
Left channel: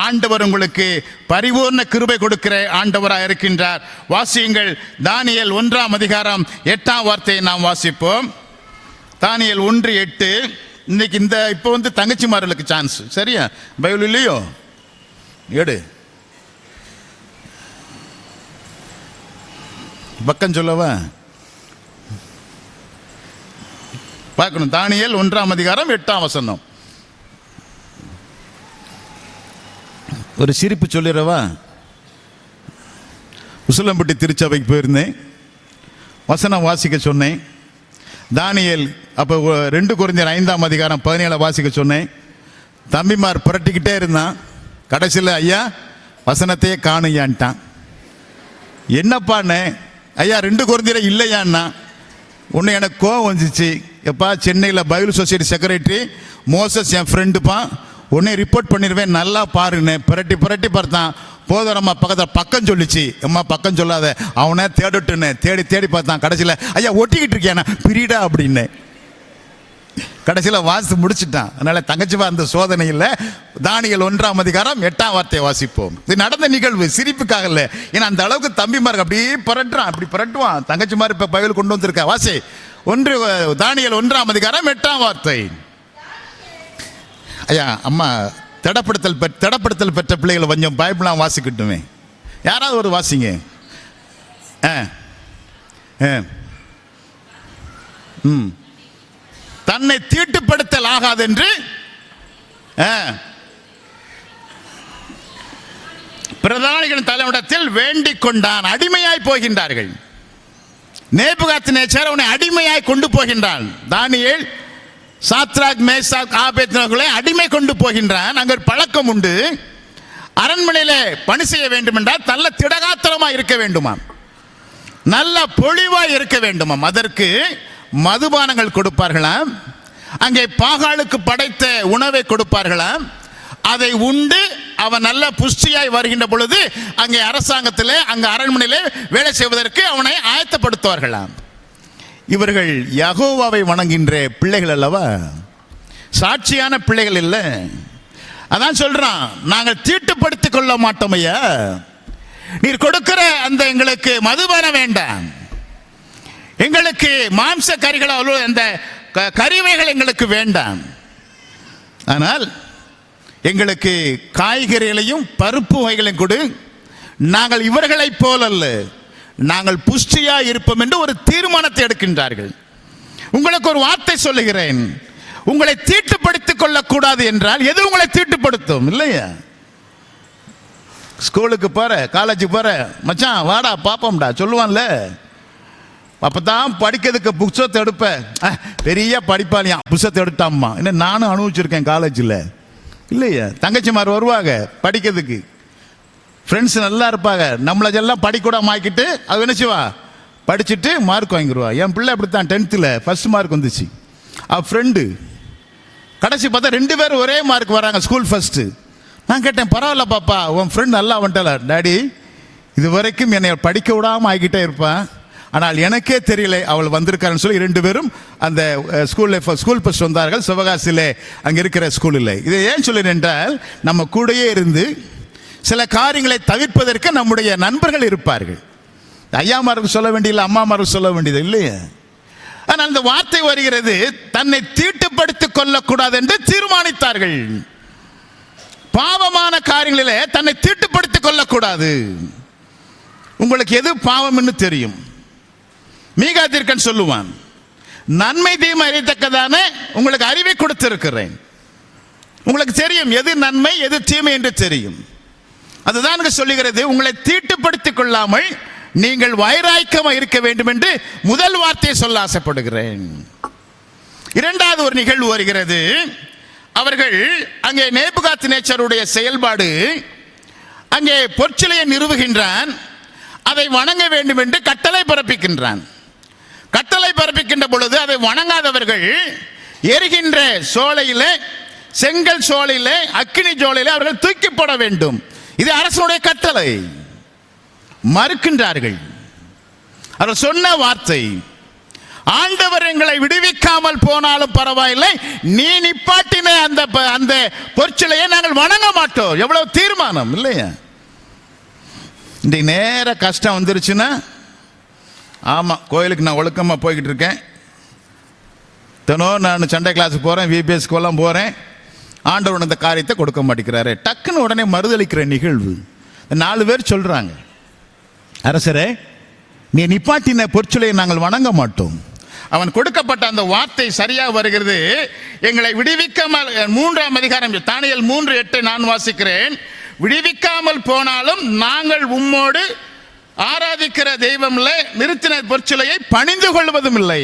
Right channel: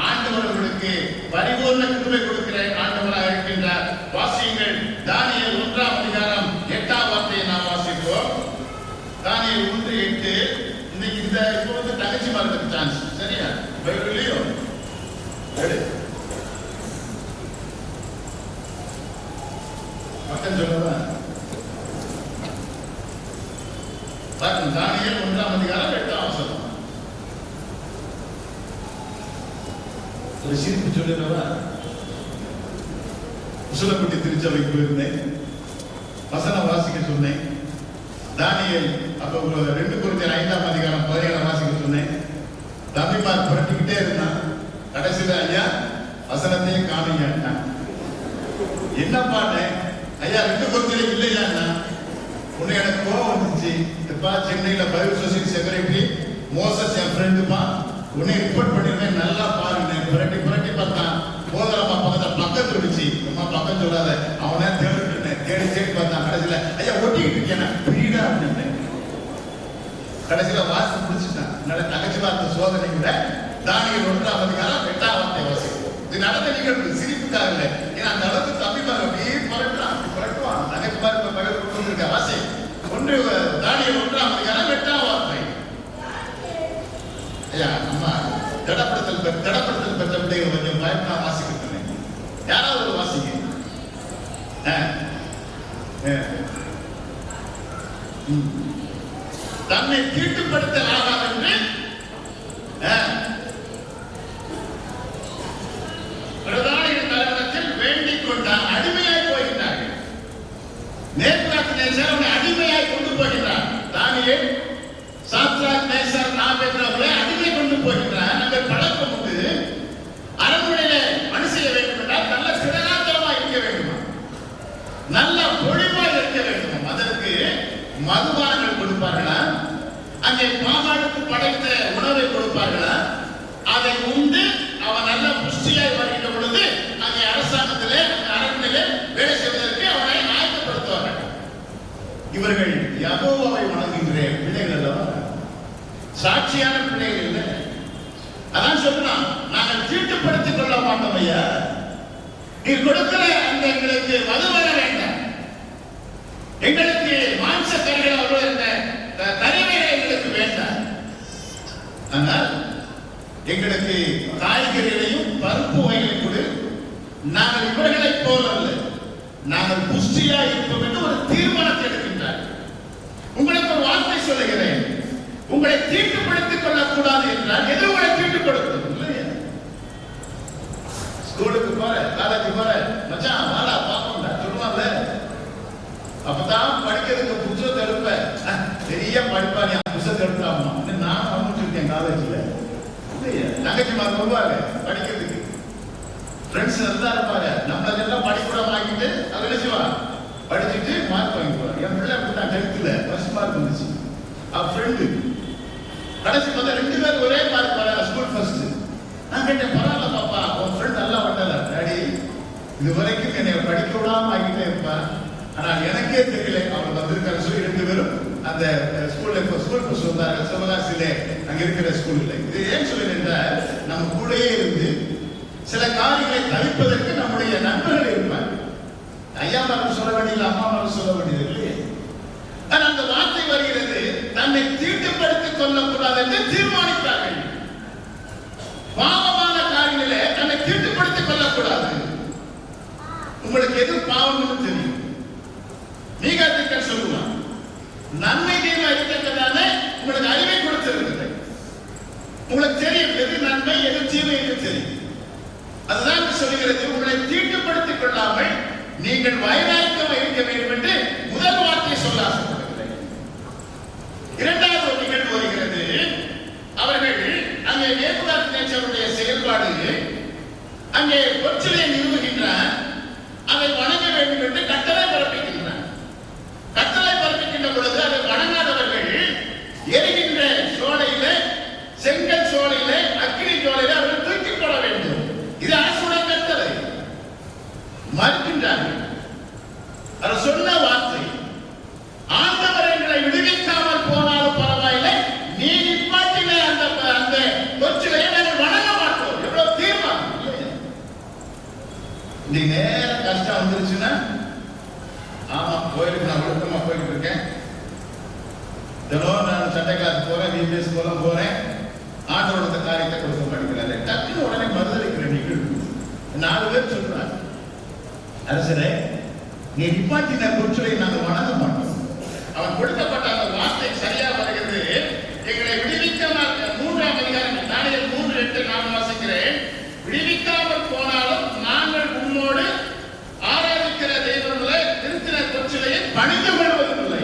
ஆண்டவர் உங்களுக்கு பரிபூர்ண கிருபை கொடுக்கிற ஆண்டவராக இருக்கின்றார். வாசியுங்கள், தானியேல் 1ஆம் அதிகாரம் 8ஆம் வார்த்தையை நாம் வாசிப்போம். தானியேல் 1:8. இன்னைக்கு இந்த இப்போ வந்து தங்கச்சிமார்களுக்கு சான்ஸ், சரியா? பைபிள் இல்லையோ? எடு, பக்கம் சொல்லவா? பார்க்கணும். தானியேல் 1ஆம் அதிகாரம் 8ஆம் வசனம். ஒரு சிரிப்பு சொல்லிடவா? உசிலம்பட்டி திருச்சபைக்கு போயிருந்தேன், வசனம் வாசிக்க சொன்னேன். தானியேல் அப்போ 2 கொரிந்தியர் 5ஆம் அதிகாரம் 17 வாசிக்க சொன்னேன். தம்பிமார் புரட்டிக்கிட்டே இருந்தான். கடைசியில் ஐயா வசனத்தையே காணுயான்ட்டான். என்னப்பான்னு, ஐயா 2 கொரிந்தியர் இல்லையான்னா. உன்னை எனக்கு கோவம் வந்துச்சு. எப்பா, சென்னையில் பைபிள் சொசைட்டி செக்ரட்டரி மோசஸ் என் ஃப்ரெண்டுப்பா, உன்னை ரிப்போர்ட் பண்ணிடுவேன், நல்லா பாருன்னு புரட்டி பார்த்தான். போதரம்மா பக்கம் சொல்லிச்சு. அம்மா பக்கம் சொல்லாத, அவனை தேடிட்டுன்னு தேடி பார்த்தான். கடைசியில் ஐயா ஒட்டிக்கிட்டு இருக்கியாண்ணா பிரிடா அப்படின்னு கடைசியில் வாசி முடிச்சுட்டான். அதனால தங்கச்சிவா அந்த சோதனையில் தானியேல் 1ஆம் அதிகாரம் 8ஆம் வார்த்தையை வாசிப்போம். இது நடந்த நிகழ்வு, சிரிப்புக்காக இல்லை. ஏன்னா அந்த அளவுக்கு தம்பிமாருக்கு அப்படியே புரட்டுறான், அப்படி புரட்டுவான். தங்கச்சிமார் இப்போ பைபிள் கொண்டு வந்திருக்க. வாசி தானியேல் 1ஆம் அதிகாரம் 8ஆம் வார்த்தை. ஐயா அம்மா திடப்படுத்தல் பெற்ற பிள்ளைகளை கொஞ்சம் பைபிளாக வாசிக்கட்டுமே. யாராவது ஒரு வாசிங்க. தன்னை தீட்டுப்படுத்தல் ஆகாது என்று பிரதானிகளின் தலைவனிடத்தில் வேண்டிக் கொண்டான். அடிமையாய் போகின்றார்கள். நேபுகாத்நேச்சார் அவனை அடிமையாய் கொண்டு போகின்றான். தானியேல், சாத்ராக், மேசாக், ஆபேத்நேகோவை அடிமை கொண்டு போகின்றான். அங்கே பழக்கம் உண்டு. அரண்மனையிலே பணி செய்ய வேண்டும் என்றால் நல்ல திடகாத்திரமா இருக்க வேண்டுமா, நல்ல பொழிவாய் இருக்க வேண்டுமாம். அதற்கு மதுபானங்கள் கொடுப்பார்களா, அங்கே பாகானுக்கு படைத்த உணவை கொடுப்பார்களா. அதை உண்டு அவன் நல்ல புஷ்டியாய் வருகின்ற பொழுது அங்கே அரசாங்கத்திலே, அங்கே அரண்மனையிலே வேலை செய்வதற்கு அவனை ஆயத்தப்படுத்துவார்களாம். இவர்கள் யெகோவாவை வணங்குகின்ற பிள்ளைகள் அல்லவா, சாட்சியான பிள்ளைகள் இல்லை. அதான் சொல்றான், நாங்கள் தீட்டுப்படுத்திக் கொள்ள மாட்டோம் ஐயா, நீர் கொடுக்கிற அந்த எங்களுக்கு மதுபானம் வேண்டாம், எங்களுக்கு மாംസ கறிகள் அந்த கறிவைகள் எங்களுக்கு வேண்டாம், ஆனால் எங்களுக்கு காய்கறிகளையும் பருப்பு வகைகளையும் கொடு, நாங்கள் இவர்களைப் போலல்ல, நாங்கள் புஷ்டியா இருப்போம் என்று ஒரு தீர்மானத்தை எடுக்கின்றார்கள். உங்களுக்கு ஒரு வார்த்தை சொல்லுகிறேன், உங்களை தீட்டுப்படுத்திக் கொள்ளக்கூடாது என்றால் எது உங்களை தீட்டுப்படுத்தும் இல்லையா? ஸ்கூலுக்கு போற, காலேஜுக்கு போற, மச்சான் வாடா பாப்போம்டா சொல்லுவான்ல, அப்பதான் படிக்கிறதுக்கு புக்ஸத்தை எடுப்ப, பெரிய படிப்பானியா புக்ஸத்தை எடுத்தாம்மா என்ன நானும் அனுபவிச்சிருக்கேன் காலேஜில் இல்லையா. தங்கச்சிமார் வருவாங்க படிக்கிறதுக்கு, ஃப்ரெண்ட்ஸ் நல்லா இருப்பாங்க, நம்மளெல்லாம் படிக்கூட மாக்கிட்டு அது நினைச்சுவா படிச்சுட்டு மார்க் வாங்கிடுவா. என் பிள்ளை அப்படித்தான் 10th ஃபர்ஸ்ட் மார்க் வந்துச்சு. அவ ஃப்ரெண்டு கடைசி பார்த்தா 2 பேரும் ஒரே மார்க் வராங்க, ஸ்கூல் ஃபர்ஸ்ட். நான் கேட்டேன், பரவாயில்ல பாப்பா உன் ஃப்ரெண்ட் நல்லா வந்துட்டல. டாடி இது வரைக்கும் என்னை படிக்க விடாமல் ஆகிட்டே இருப்பான், ஆனால் எனக்கே தெரியல அவள் வந்திருக்காருன்னு சொல்லி 2 பேரும் அந்த ஸ்கூல் ஃபர்ஸ்ட் வந்தார்கள். சிவகாசியிலே அங்கே இருக்கிற ஸ்கூலில். இதை ஏன் சொல்லுறேன் என்றால், நம்ம கூடயே இருந்து சில காரியங்களை தவிர்ப்பதற்கு நம்முடைய நண்பர்கள் இருப்பார்கள். ஐயாமாருக்கு சொல்ல வேண்டியதில்லை, அம்மாமாருக்கு சொல்ல வேண்டியது இல்லையே. ஆனால் அந்த வார்த்தை வருகிறது, தன்னை தீட்டுப்படுத்திக் கொள்ளக்கூடாது என்று தீர்மானித்தார்கள். பாவமான காரியங்களிலே தன்னை தீட்டுப்படுத்திக் கொள்ளக்கூடாது. உங்களுக்கு எது பாவம் என்று தெரியும். மீகா தீர்க்கன் சொல்லுவான், நன்மை தீமை அறியத்தக்கதான உங்களுக்கு அறிவை கொடுத்திருக்கிறேன். உங்களுக்கு தெரியும் எது நன்மை எது தீமை என்று தெரியும். அதுதான் சொல்லுகிறது, உங்களை தீட்டுப்படுத்திக் கொள்ளாமல் நீங்கள் வைராக்கியமாக இருக்க வேண்டும் என்று முதல் வார்த்தையை சொல்ல ஆசைப்படுகிறேன். இரண்டாவது ஒரு நிகழ்வு வருகிறது. அவர்கள் அங்கே நேபுகாத்நேச்சாருடைய செயல்பாடு, அங்கே பொற்சிலையை நிறுவுகின்றான், அதை வணங்க வேண்டும் என்று கட்டளை பிறப்பிக்கின்றான். கட்டளை பிறப்பிக்கின்ற பொழுது அதை வணங்காதவர்கள் எரிகின்ற சோலையிலே, செங்கல் சோலையிலே, அக்கினி சோலையிலே அவர்கள் தூக்கி போட வேண்டும். இது அரசுடைய கட்டளை. மறுக்கின்றார்கள். அவர் சொன்ன வார்த்தை, ஆண்டவர் எங்களை விடுவிக்காமல் போனாலும் பரவாயில்லை, நீ நிப்பாட்டின அந்த பொற்சிலையை நாங்கள் வணங்க மாட்டோம். எவ்வளவு தீர்மானம் இல்லையா? இன்றைக்கு நேர கஷ்டம் வந்துருச்சுன்னா, ஆமா கோயிலுக்கு நான் ஒழுக்கமா போய்கிட்டு இருக்கேன், தினம் நான் சண்டே கிளாஸ் போறேன், விபிஎஸ் எல்லாம் போறேன், ஆண்டவன் அந்த காரியத்தை கொடுக்க மாட்டேங்கிறாரு. டக்குன்னு உடனே மறுதளிக்கிற நிகழ்வு. 4 பேர் சொல்றாங்க, அரசரே நீ நிப்பாட்டின பொற்சிலையை நாங்கள் வணங்க மாட்டோம். அவன் கொடுக்கப்பட்ட அந்த வார்த்தை சரியா வருகிறது. எங்களை விடுவிக்காமல், 3ஆம் அதிகாரம் தானியேல் 3:8 நான் வாசிக்கிறேன். விடுவிக்காமல் போனாலும் நாங்கள் உம்மோடு ஆராதிக்கிற தெய்வம் இல்லை, நிறுத்தின பொற்சிலையை பணிந்து கொள்வதும் இல்லை.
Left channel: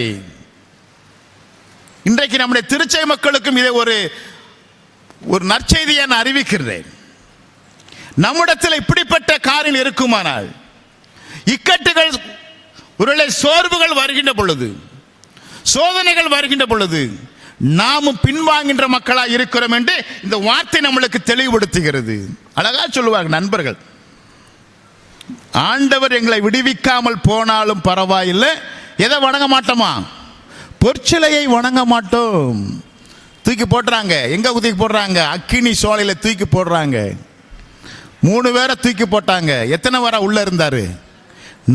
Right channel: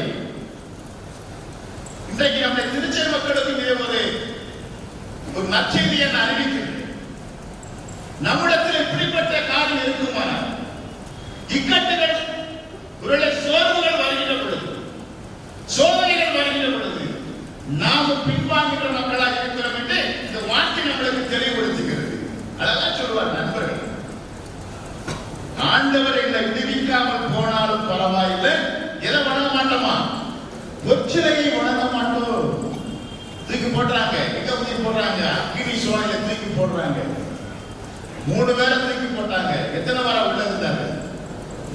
இன்றைக்கு நம்முடைய திருச்சை மக்களுக்கும் இதை ஒரு நற்செய்தியை நான் அறிவிக்கிறேன். நம்மிடத்தில் இப்படிப்பட்ட காரில் இருக்குமானால், இக்கட்டுகள், ஒருவேளை சோர்வுகள் வருகின்ற பொழுது, சோதனைகள் வருகின்ற பொழுது நாமும் பின்வாங்கின்ற மக்களாக இருக்கிறோம் என்று இந்த வார்த்தை நம்மளுக்கு தெளிவுபடுத்துகிறது. அதெல்லாம் சொல்லுவார் நண்பர்கள், ஆண்டவர் எங்களை விடுவிக்காமல் போனாலும் பரவாயில்லை, எதை வணங்க மாட்டோமா? பொற்சிலையை வணங்க மாட்டோம். தூக்கி போடுறாங்க. எங்க தூக்கி போடுறாங்க? அக்கினி சோலையில தூக்கி போடுறாங்க. 3 பேரை தூக்கி போட்டாங்க. எத்தனை பேரா உள்ள இருந்தாரு?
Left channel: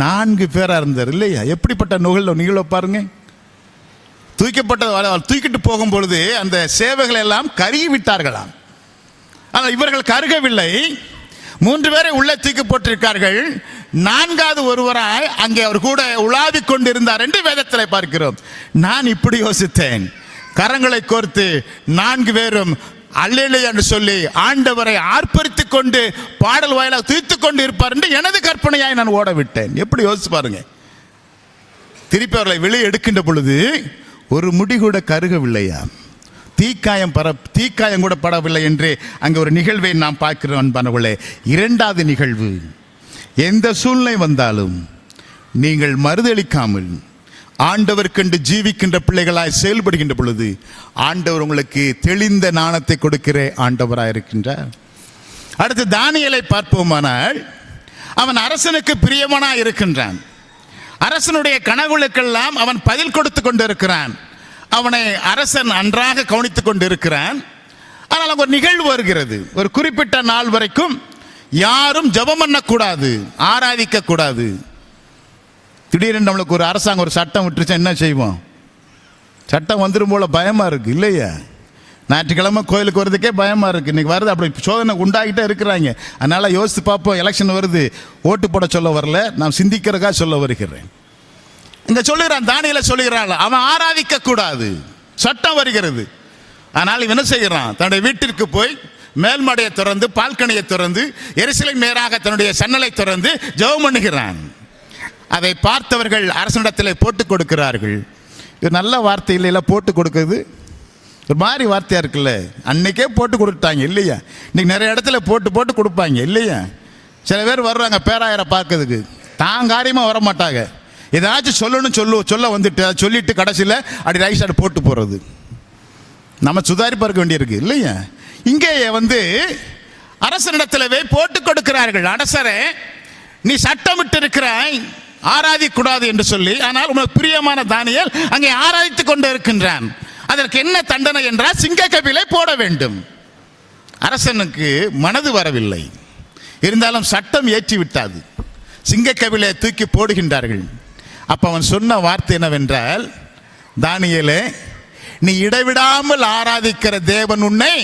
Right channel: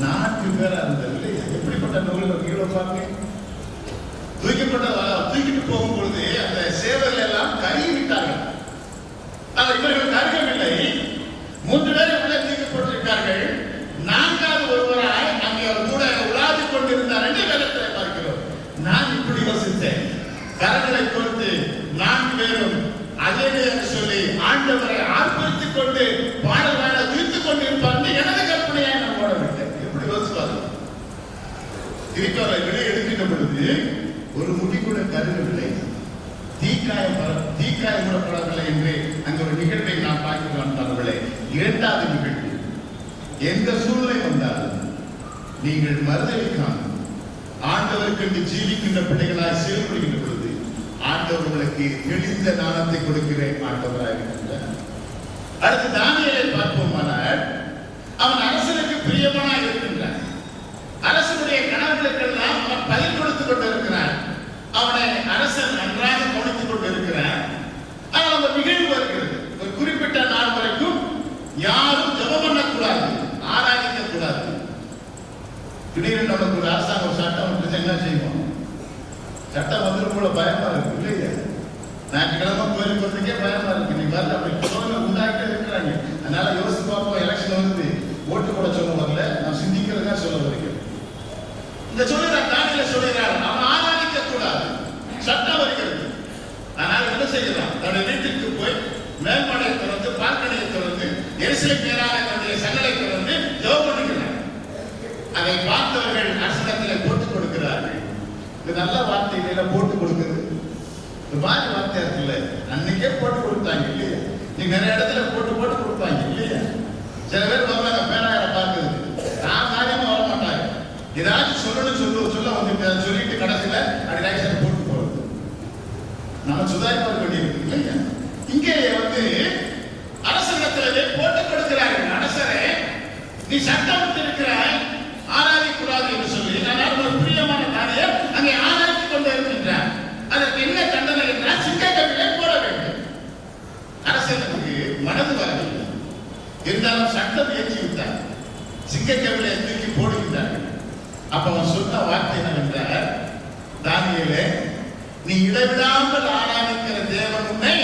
4 பேரா இருந்தார் இல்லையா? எப்படிப்பட்ட நிகழ்வு பாருங்க. தூக்கிட்டு போகும்பொழுது அந்த சேவைகள் எல்லாம் கருகி விட்டார்களாம். ஆனால் இவர்கள் கருகவில்லை. 3 பேரை உள்ளே தூக்கி போட்டிருக்கார்கள். 4வது ஒருவராய் அங்கே அவர் கூட உலாவிக் கொண்டிருந்தார் என்று வேதத்தில் பார்க்கிறோம். நான் இப்படி யோசித்தேன், கரங்களை கோர்த்து 4 பேரும் அல்லேலூயா என்று சொல்லி ஆண்டவரை ஆர்ப்பரித்துக் கொண்டு பாடல் வாயிலாக துதித்துக் கொண்டு இருப்பார் என்று எனது கற்பனையாய் நான் ஓட விட்டேன். எப்படி யோசிச்சு பாருங்க. திருப்பி அவர்களை வெளியே எடுக்கின்ற பொழுது ஒரு முடி கூட கருகவில்லையா, தீக்காயம் கூட படவில்லை என்று அங்கே ஒரு நிகழ்வை நாம் பார்க்கிறோம் அன்பானவர்களே. இரண்டாவது நிகழ்வு, எந்த சூழ்நிலை வந்தாலும் நீங்கள் மறுதளிக்காமல் ஆண்டவர்க்கென்று ஜீவிக்கின்ற பிள்ளைகளாய் செயல்படுகின்ற பொழுது ஆண்டவர் உங்களுக்கு தெளிந்த ஞானத்தை கொடுக்கிற ஆண்டவராய் இருக்கின்றார். அடுத்து தானியேலை பார்ப்போமானால், அவன் அரசனுக்கு பிரியமானாய் இருக்கின்றான். அரசனுடைய கனவுகளுக்கெல்லாம் அவன் பதில் கொடுத்து கொண்டிருக்கிறான். அவனை அரசன் நன்றாக கவனித்துக் கொண்டிருக்கிறான். ஆனால் ஒரு நிகழ்வு வருகிறது. ஒரு குறிப்பிட்ட நாள் வரைக்கும் யாரும் ஜெபம் பண்ணக்கூடாது, ஆராதிக்க கூடாது. திடீரென்று நம்மளுக்கு ஒரு அரசாங்கம் ஒரு சட்டம் விட்டுருச்சா என்ன செய்வோம்? சட்டம் வந்துடும் போல பயமா இருக்கு இல்லையா? ஞாயிற்றுக்கிழமை கோயிலுக்கு வரதுக்கே பயமா இருக்கு. இன்னைக்கு வருது, அப்படி சோதனை உண்டாகிட்டே இருக்கிறாங்க. அதனால யோசித்து பார்ப்போம். எலெக்ஷன் வருது, ஓட்டு போட சொல்ல வரல, நான் சிந்திக்கிறதுக்காக சொல்ல வருகிறேன். இங்க சொல்லுகிறான், தானியேலை சொல்லுகிறாள், அவன் ஆராதிக்க கூடாது, சட்டம் வருகிறது. ஆனால் இவன் என்ன செய்கிறான்? தன்னுடைய வீட்டிற்கு போய் மேல்மடையை திறந்து, பால்கனியை திறந்து, எருசலேம் மேலாக தன்னுடைய சன்னலை திறந்து ஜெபம் பண்ணுகிறான். அதை பார்த்தவர்கள் அரசனிடத்தில் போட்டு கொடுக்கிறார்கள். இது நல்ல வார்த்தை இல்லைல்ல, போட்டு கொடுக்குறது ஒரு மாதிரி வார்த்தையா இருக்குல்ல. அன்னைக்கே போட்டு கொடுத்தாங்க இல்லையா? இன்னைக்கு நிறைய இடத்துல போட்டு போட்டு கொடுப்பாங்க இல்லையா? சில பேர் வர்றாங்க பேராயரை பார்க்கறதுக்கு, தான் காரியமா வர மாட்டாங்க. ஏதாச்சும் சொல்ல வந்துட்டு சொல்லிட்டு கடைசியில் அப்படி ரைட் சைடு போட்டு போறது. நம்ம சுதாரி பார்க்க வேண்டியிருக்கு இல்லையா? இங்கே அரசனிடத்திலவே போட்டு கொடுக்கிறார்கள். அரசரே, நீ சட்டமிட்டு இருக்கிறாய் ஆராதிக்கூடாது என்று சொல்லி, ஆனால் உனக்கு பிரியமான தானியேல் அங்கே ஆராதித்துக் கொண்டு இருக்கின்றான். அதற்கு என்ன தண்டனை என்றால் சிங்கக்கபிலை போட வேண்டும். அரசனுக்கு மனது வரவில்லை, இருந்தாலும் சட்டம் ஏற்றி விட்டாது. சிங்கக்கபிலை தூக்கி போடுகின்றார்கள். அப்ப அவன் சொன்ன வார்த்தை என்னவென்றால், தானியேலே, நீ இடைவிடாமல் ஆராதிக்கிற தேவன் உன்னை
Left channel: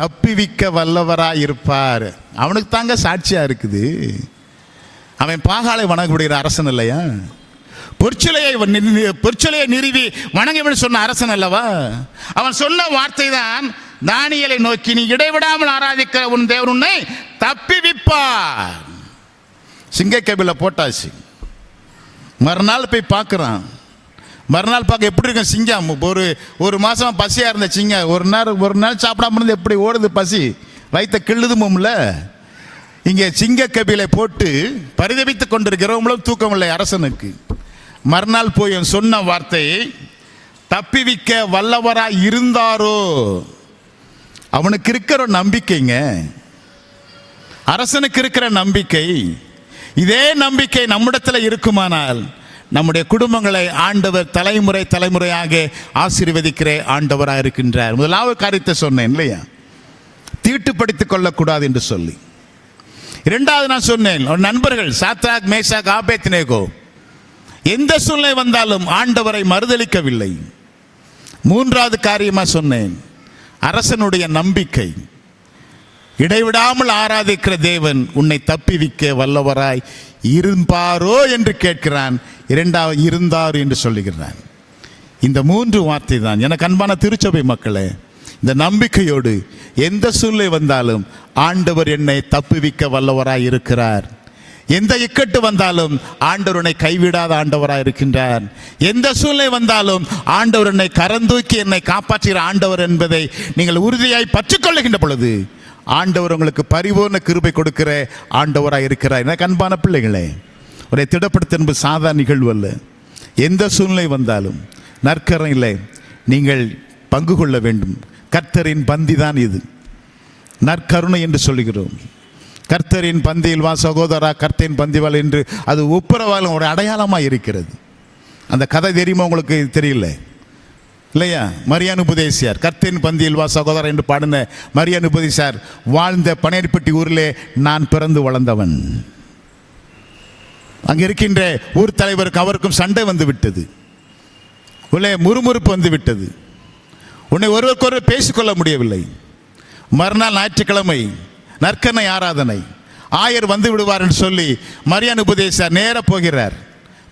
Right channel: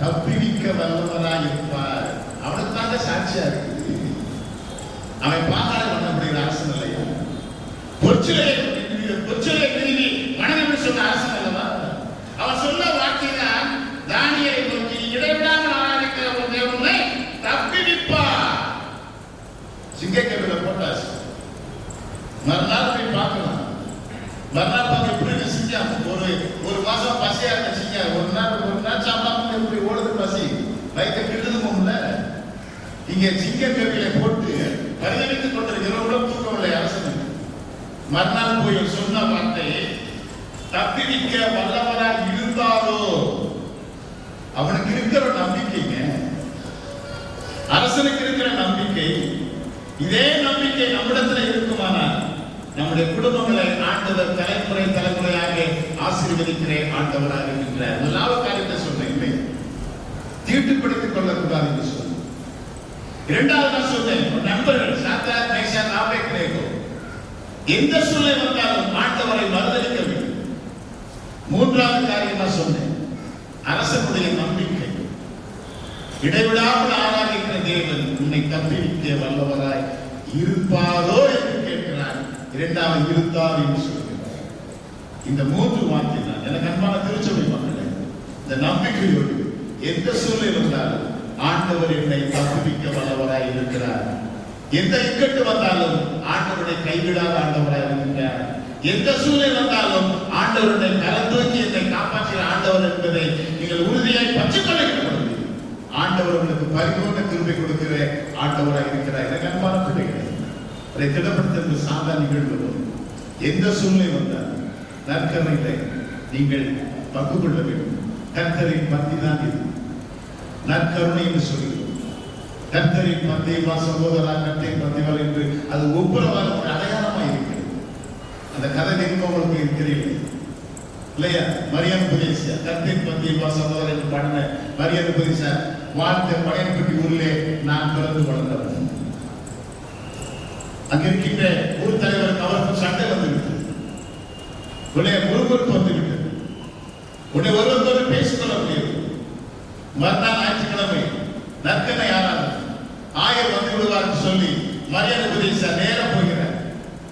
தப்பிவிக்க வல்லவராய் இருப்பார். அவனுக்கு தாங்க சாட்சியா இருக்குது. அவன் பாகாலை வணங்கக்கூடிய அரசன் இல்லையா? பொற்சிலையை நிறுவி வணங்கன்னு சொன்ன அரசன் அல்லவா? அவன் சொன்ன வார்த்தை தான் தானியேலை நோக்கி, நீ இடைவிடாமல் ஆராதிக்கிற உன் தேவன் உன்னை தப்பிவிப்பார். சிங்கக்கபில போட்டாச்சு. மறுநாள் போய் பார்க்கிறான். மறுநாள் பார்க்க எப்படி இருக்கும் சிங்கம்? ஒரு மாசம் பசியா இருந்த சிங்கம் ஒரு நாள் சாப்பிடாம இருந்து எப்படி ஓடுது பசி, வயிற்ற கிள்ளுதுமும்ல. இங்கே சிங்கக்கபிலை போட்டு பரிதவித்துக் கொண்டிருக்கிறவங்களும் தூக்கம் இல்லை அரசனுக்கு. மறுநாள் போய் சொன்ன வார்த்தை, தப்பிவிக்க வல்லவரா இருந்தாரோ. அவனுக்கு இருக்கிற நம்பிக்கைங்க, அரசனுக்கு இருக்கிற நம்பிக்கை. இதே நம்பிக்கை நம்மிடத்தில் இருக்குமானால் நம்முடைய குடும்பங்களை ஆண்டவர் தலைமுறை தலைமுறையாக ஆசீர்வதிக்கிற ஆண்டவராக இருக்கின்றார். முதலாவது காரியத்தை சொன்னேன் இல்லையா? தீட்டுப்படுத்திக் கொள்ளக்கூடாது என்று சொல்லி. இரண்டாவது நான் சொன்னேன், நண்பர்கள் சாத்ராக், மேஷாக், ஆபேத்நேகோ எந்த சூழ்நிலை வந்தாலும் ஆண்டவரை மறுதலிக்கவில்லை. மூன்றாவது காரியமா சொன்னேன், அரசனுடைய நம்பிக்கை. இடைவிடாமல் ஆராதிக்கிற தேவன் உன்னை தப்பிவிக்க வல்லவராய் இருப்பாரோ என்று கேட்கிறான். இரண்டாவது இருந்தார் என்று சொல்லுகிறான். இந்த மூன்று வார்த்தை தான் எனக்கு அன்பான திருச்சபை மக்களே, இந்த நம்பிக்கையோடு எந்த சூழ்நிலை வந்தாலும் ஆண்டவர் என்னை தப்புவிக்க வல்லவராய் இருக்கிறார். எந்த இக்கட்டு வந்தாலும் ஆண்டவர் என்னை கைவிடாத ஆண்டவராய் இருக்கின்றார். எந்த சூழ்நிலை வந்தாலும் ஆண்டவர் என்னை கரந்தூக்கி என்னை காப்பாற்றுகிற ஆண்டவர் என்பதை நீங்கள் உறுதியாய் பற்றிக்கொள்ளுகின்ற பொழுது ஆண்டவர் உங்களுக்கு பரிபூர்ண கிருபை கொடுக்கிற ஆண்டவராய் இருக்கிறார். எனக்கு அன்பான பிள்ளைகளே, ஒரு திடப்படுத்த என்பது சாதாரண நிகழ்வு அல்ல. எந்த சூழ்நிலை வந்தாலும் நற்கரணையிலே நீங்கள் பங்கு கொள்ள வேண்டும். கர்த்தரின் பந்தி தான் இது, நற்கருணை என்று சொல்லுகிறோம். கர்த்தரின் பந்தியில் வா சகோதரா, கர்த்தரின் பந்திவாள் என்று அது ஒப்புரவாலும் ஒரு அடையாளமாக இருக்கிறது. அந்த கதை தெரியுமா உங்களுக்கு? தெரியல இல்லையா? மரியான் உபதேசியார் கர்த்தரின் பந்தியில் வா சகோதரா என்று பாடின மரியான் உபதேசியார் வாழ்ந்த பனையர்பட்டி ஊரிலே நான் பிறந்து வளர்ந்தவன். அங்க இருக்கின்ற ஊர் தலைவருக்கு அவருக்கும் சண்டை வந்து விட்டது, உள்ளே முறுமுறுப்பு வந்து விட்டது. உன்னை ஒருவருக்கு ஒருவர் பேசிக்கொள்ள முடியவில்லை. மறுநாள் ஞாயிற்றுக்கிழமை நற்கனை ஆராதனை, ஆயர் வந்து விடுவார் என்று சொல்லி மரியான் உபதேசியார் நேர போகிறார்.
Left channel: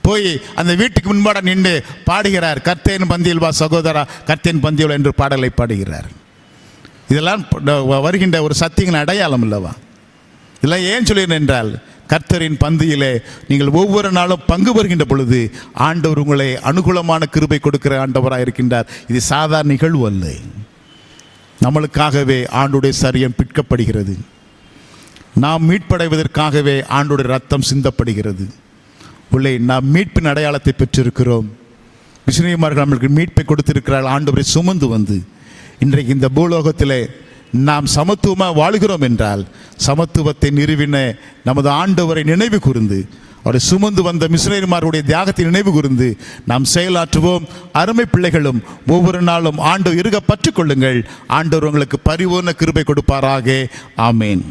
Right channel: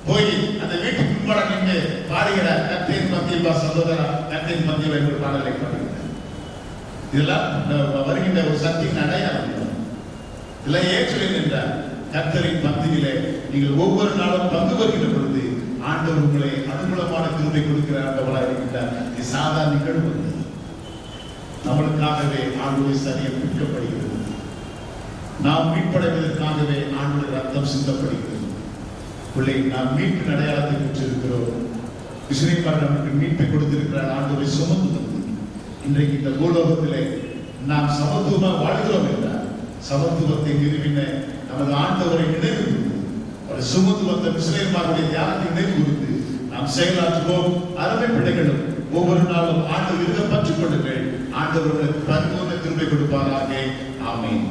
போய் அந்த வீட்டுக்கு முன்பாட நின்று பாடுகிறார், கர்த்தரின் பந்தியில் வா சகோதரா, கர்த்தரின் பந்தியில் என்று பாடலை பாடுகிறார். இதெல்லாம் வருகின்ற ஒரு சத்தியங்களின் அடையாளம் அல்லவா? இதெல்லாம் ஏன் சொல்கிறேன் என்றால், கர்த்தரின் பந்தியிலே நீங்கள் ஒவ்வொரு நாளும் பங்கு பெறுகின்ற பொழுது ஆண்டவர் உங்களை அனுகூலமான கிருபை கொடுக்கிற ஆண்டவராக இருக்கின்றார். இது சாதாரண நிகழ்வு அல்ல. நம்மளுக்காகவே ஆண்டுடைய சரீரம் பிற்கப்படுகிறது. நாம் மீட்படைவதற்காகவே ஆண்டுடைய ரத்தம் சிந்தப்படுகிறது. உள்ளே நாம் மீட்பின் அடையாளத்தை பெற்றிருக்கிறோம். மிஷனரிமார்கள் நம்மளுக்கு மீட்பை கொடுத்திருக்கிறார். ஆண்டவரை சுமந்து வந்து இன்றைக்கு இந்த பூலோகத்திலே நாம் சமத்துவமாக வாழ்கிறோம் என்றால், சமத்துவத்தை நிறுவின நமது ஆண்டவரை நினைவு கூர்ந்து, அவரை சுமந்து வந்த மிஷனரிமார்களுடைய தியாகத்தை நினைவு கூர்ந்து நாம் செயலாற்றுவோம். அருமை பிள்ளைகளும் ஒவ்வொரு நாளும் ஆண்டவர் இருக பற்றிக் கொள்ளுங்கள். ஆண்டவர் உங்களுக்கு பரிபூர்ண கிருபை கொடுப்பாராக. ஆமேன்.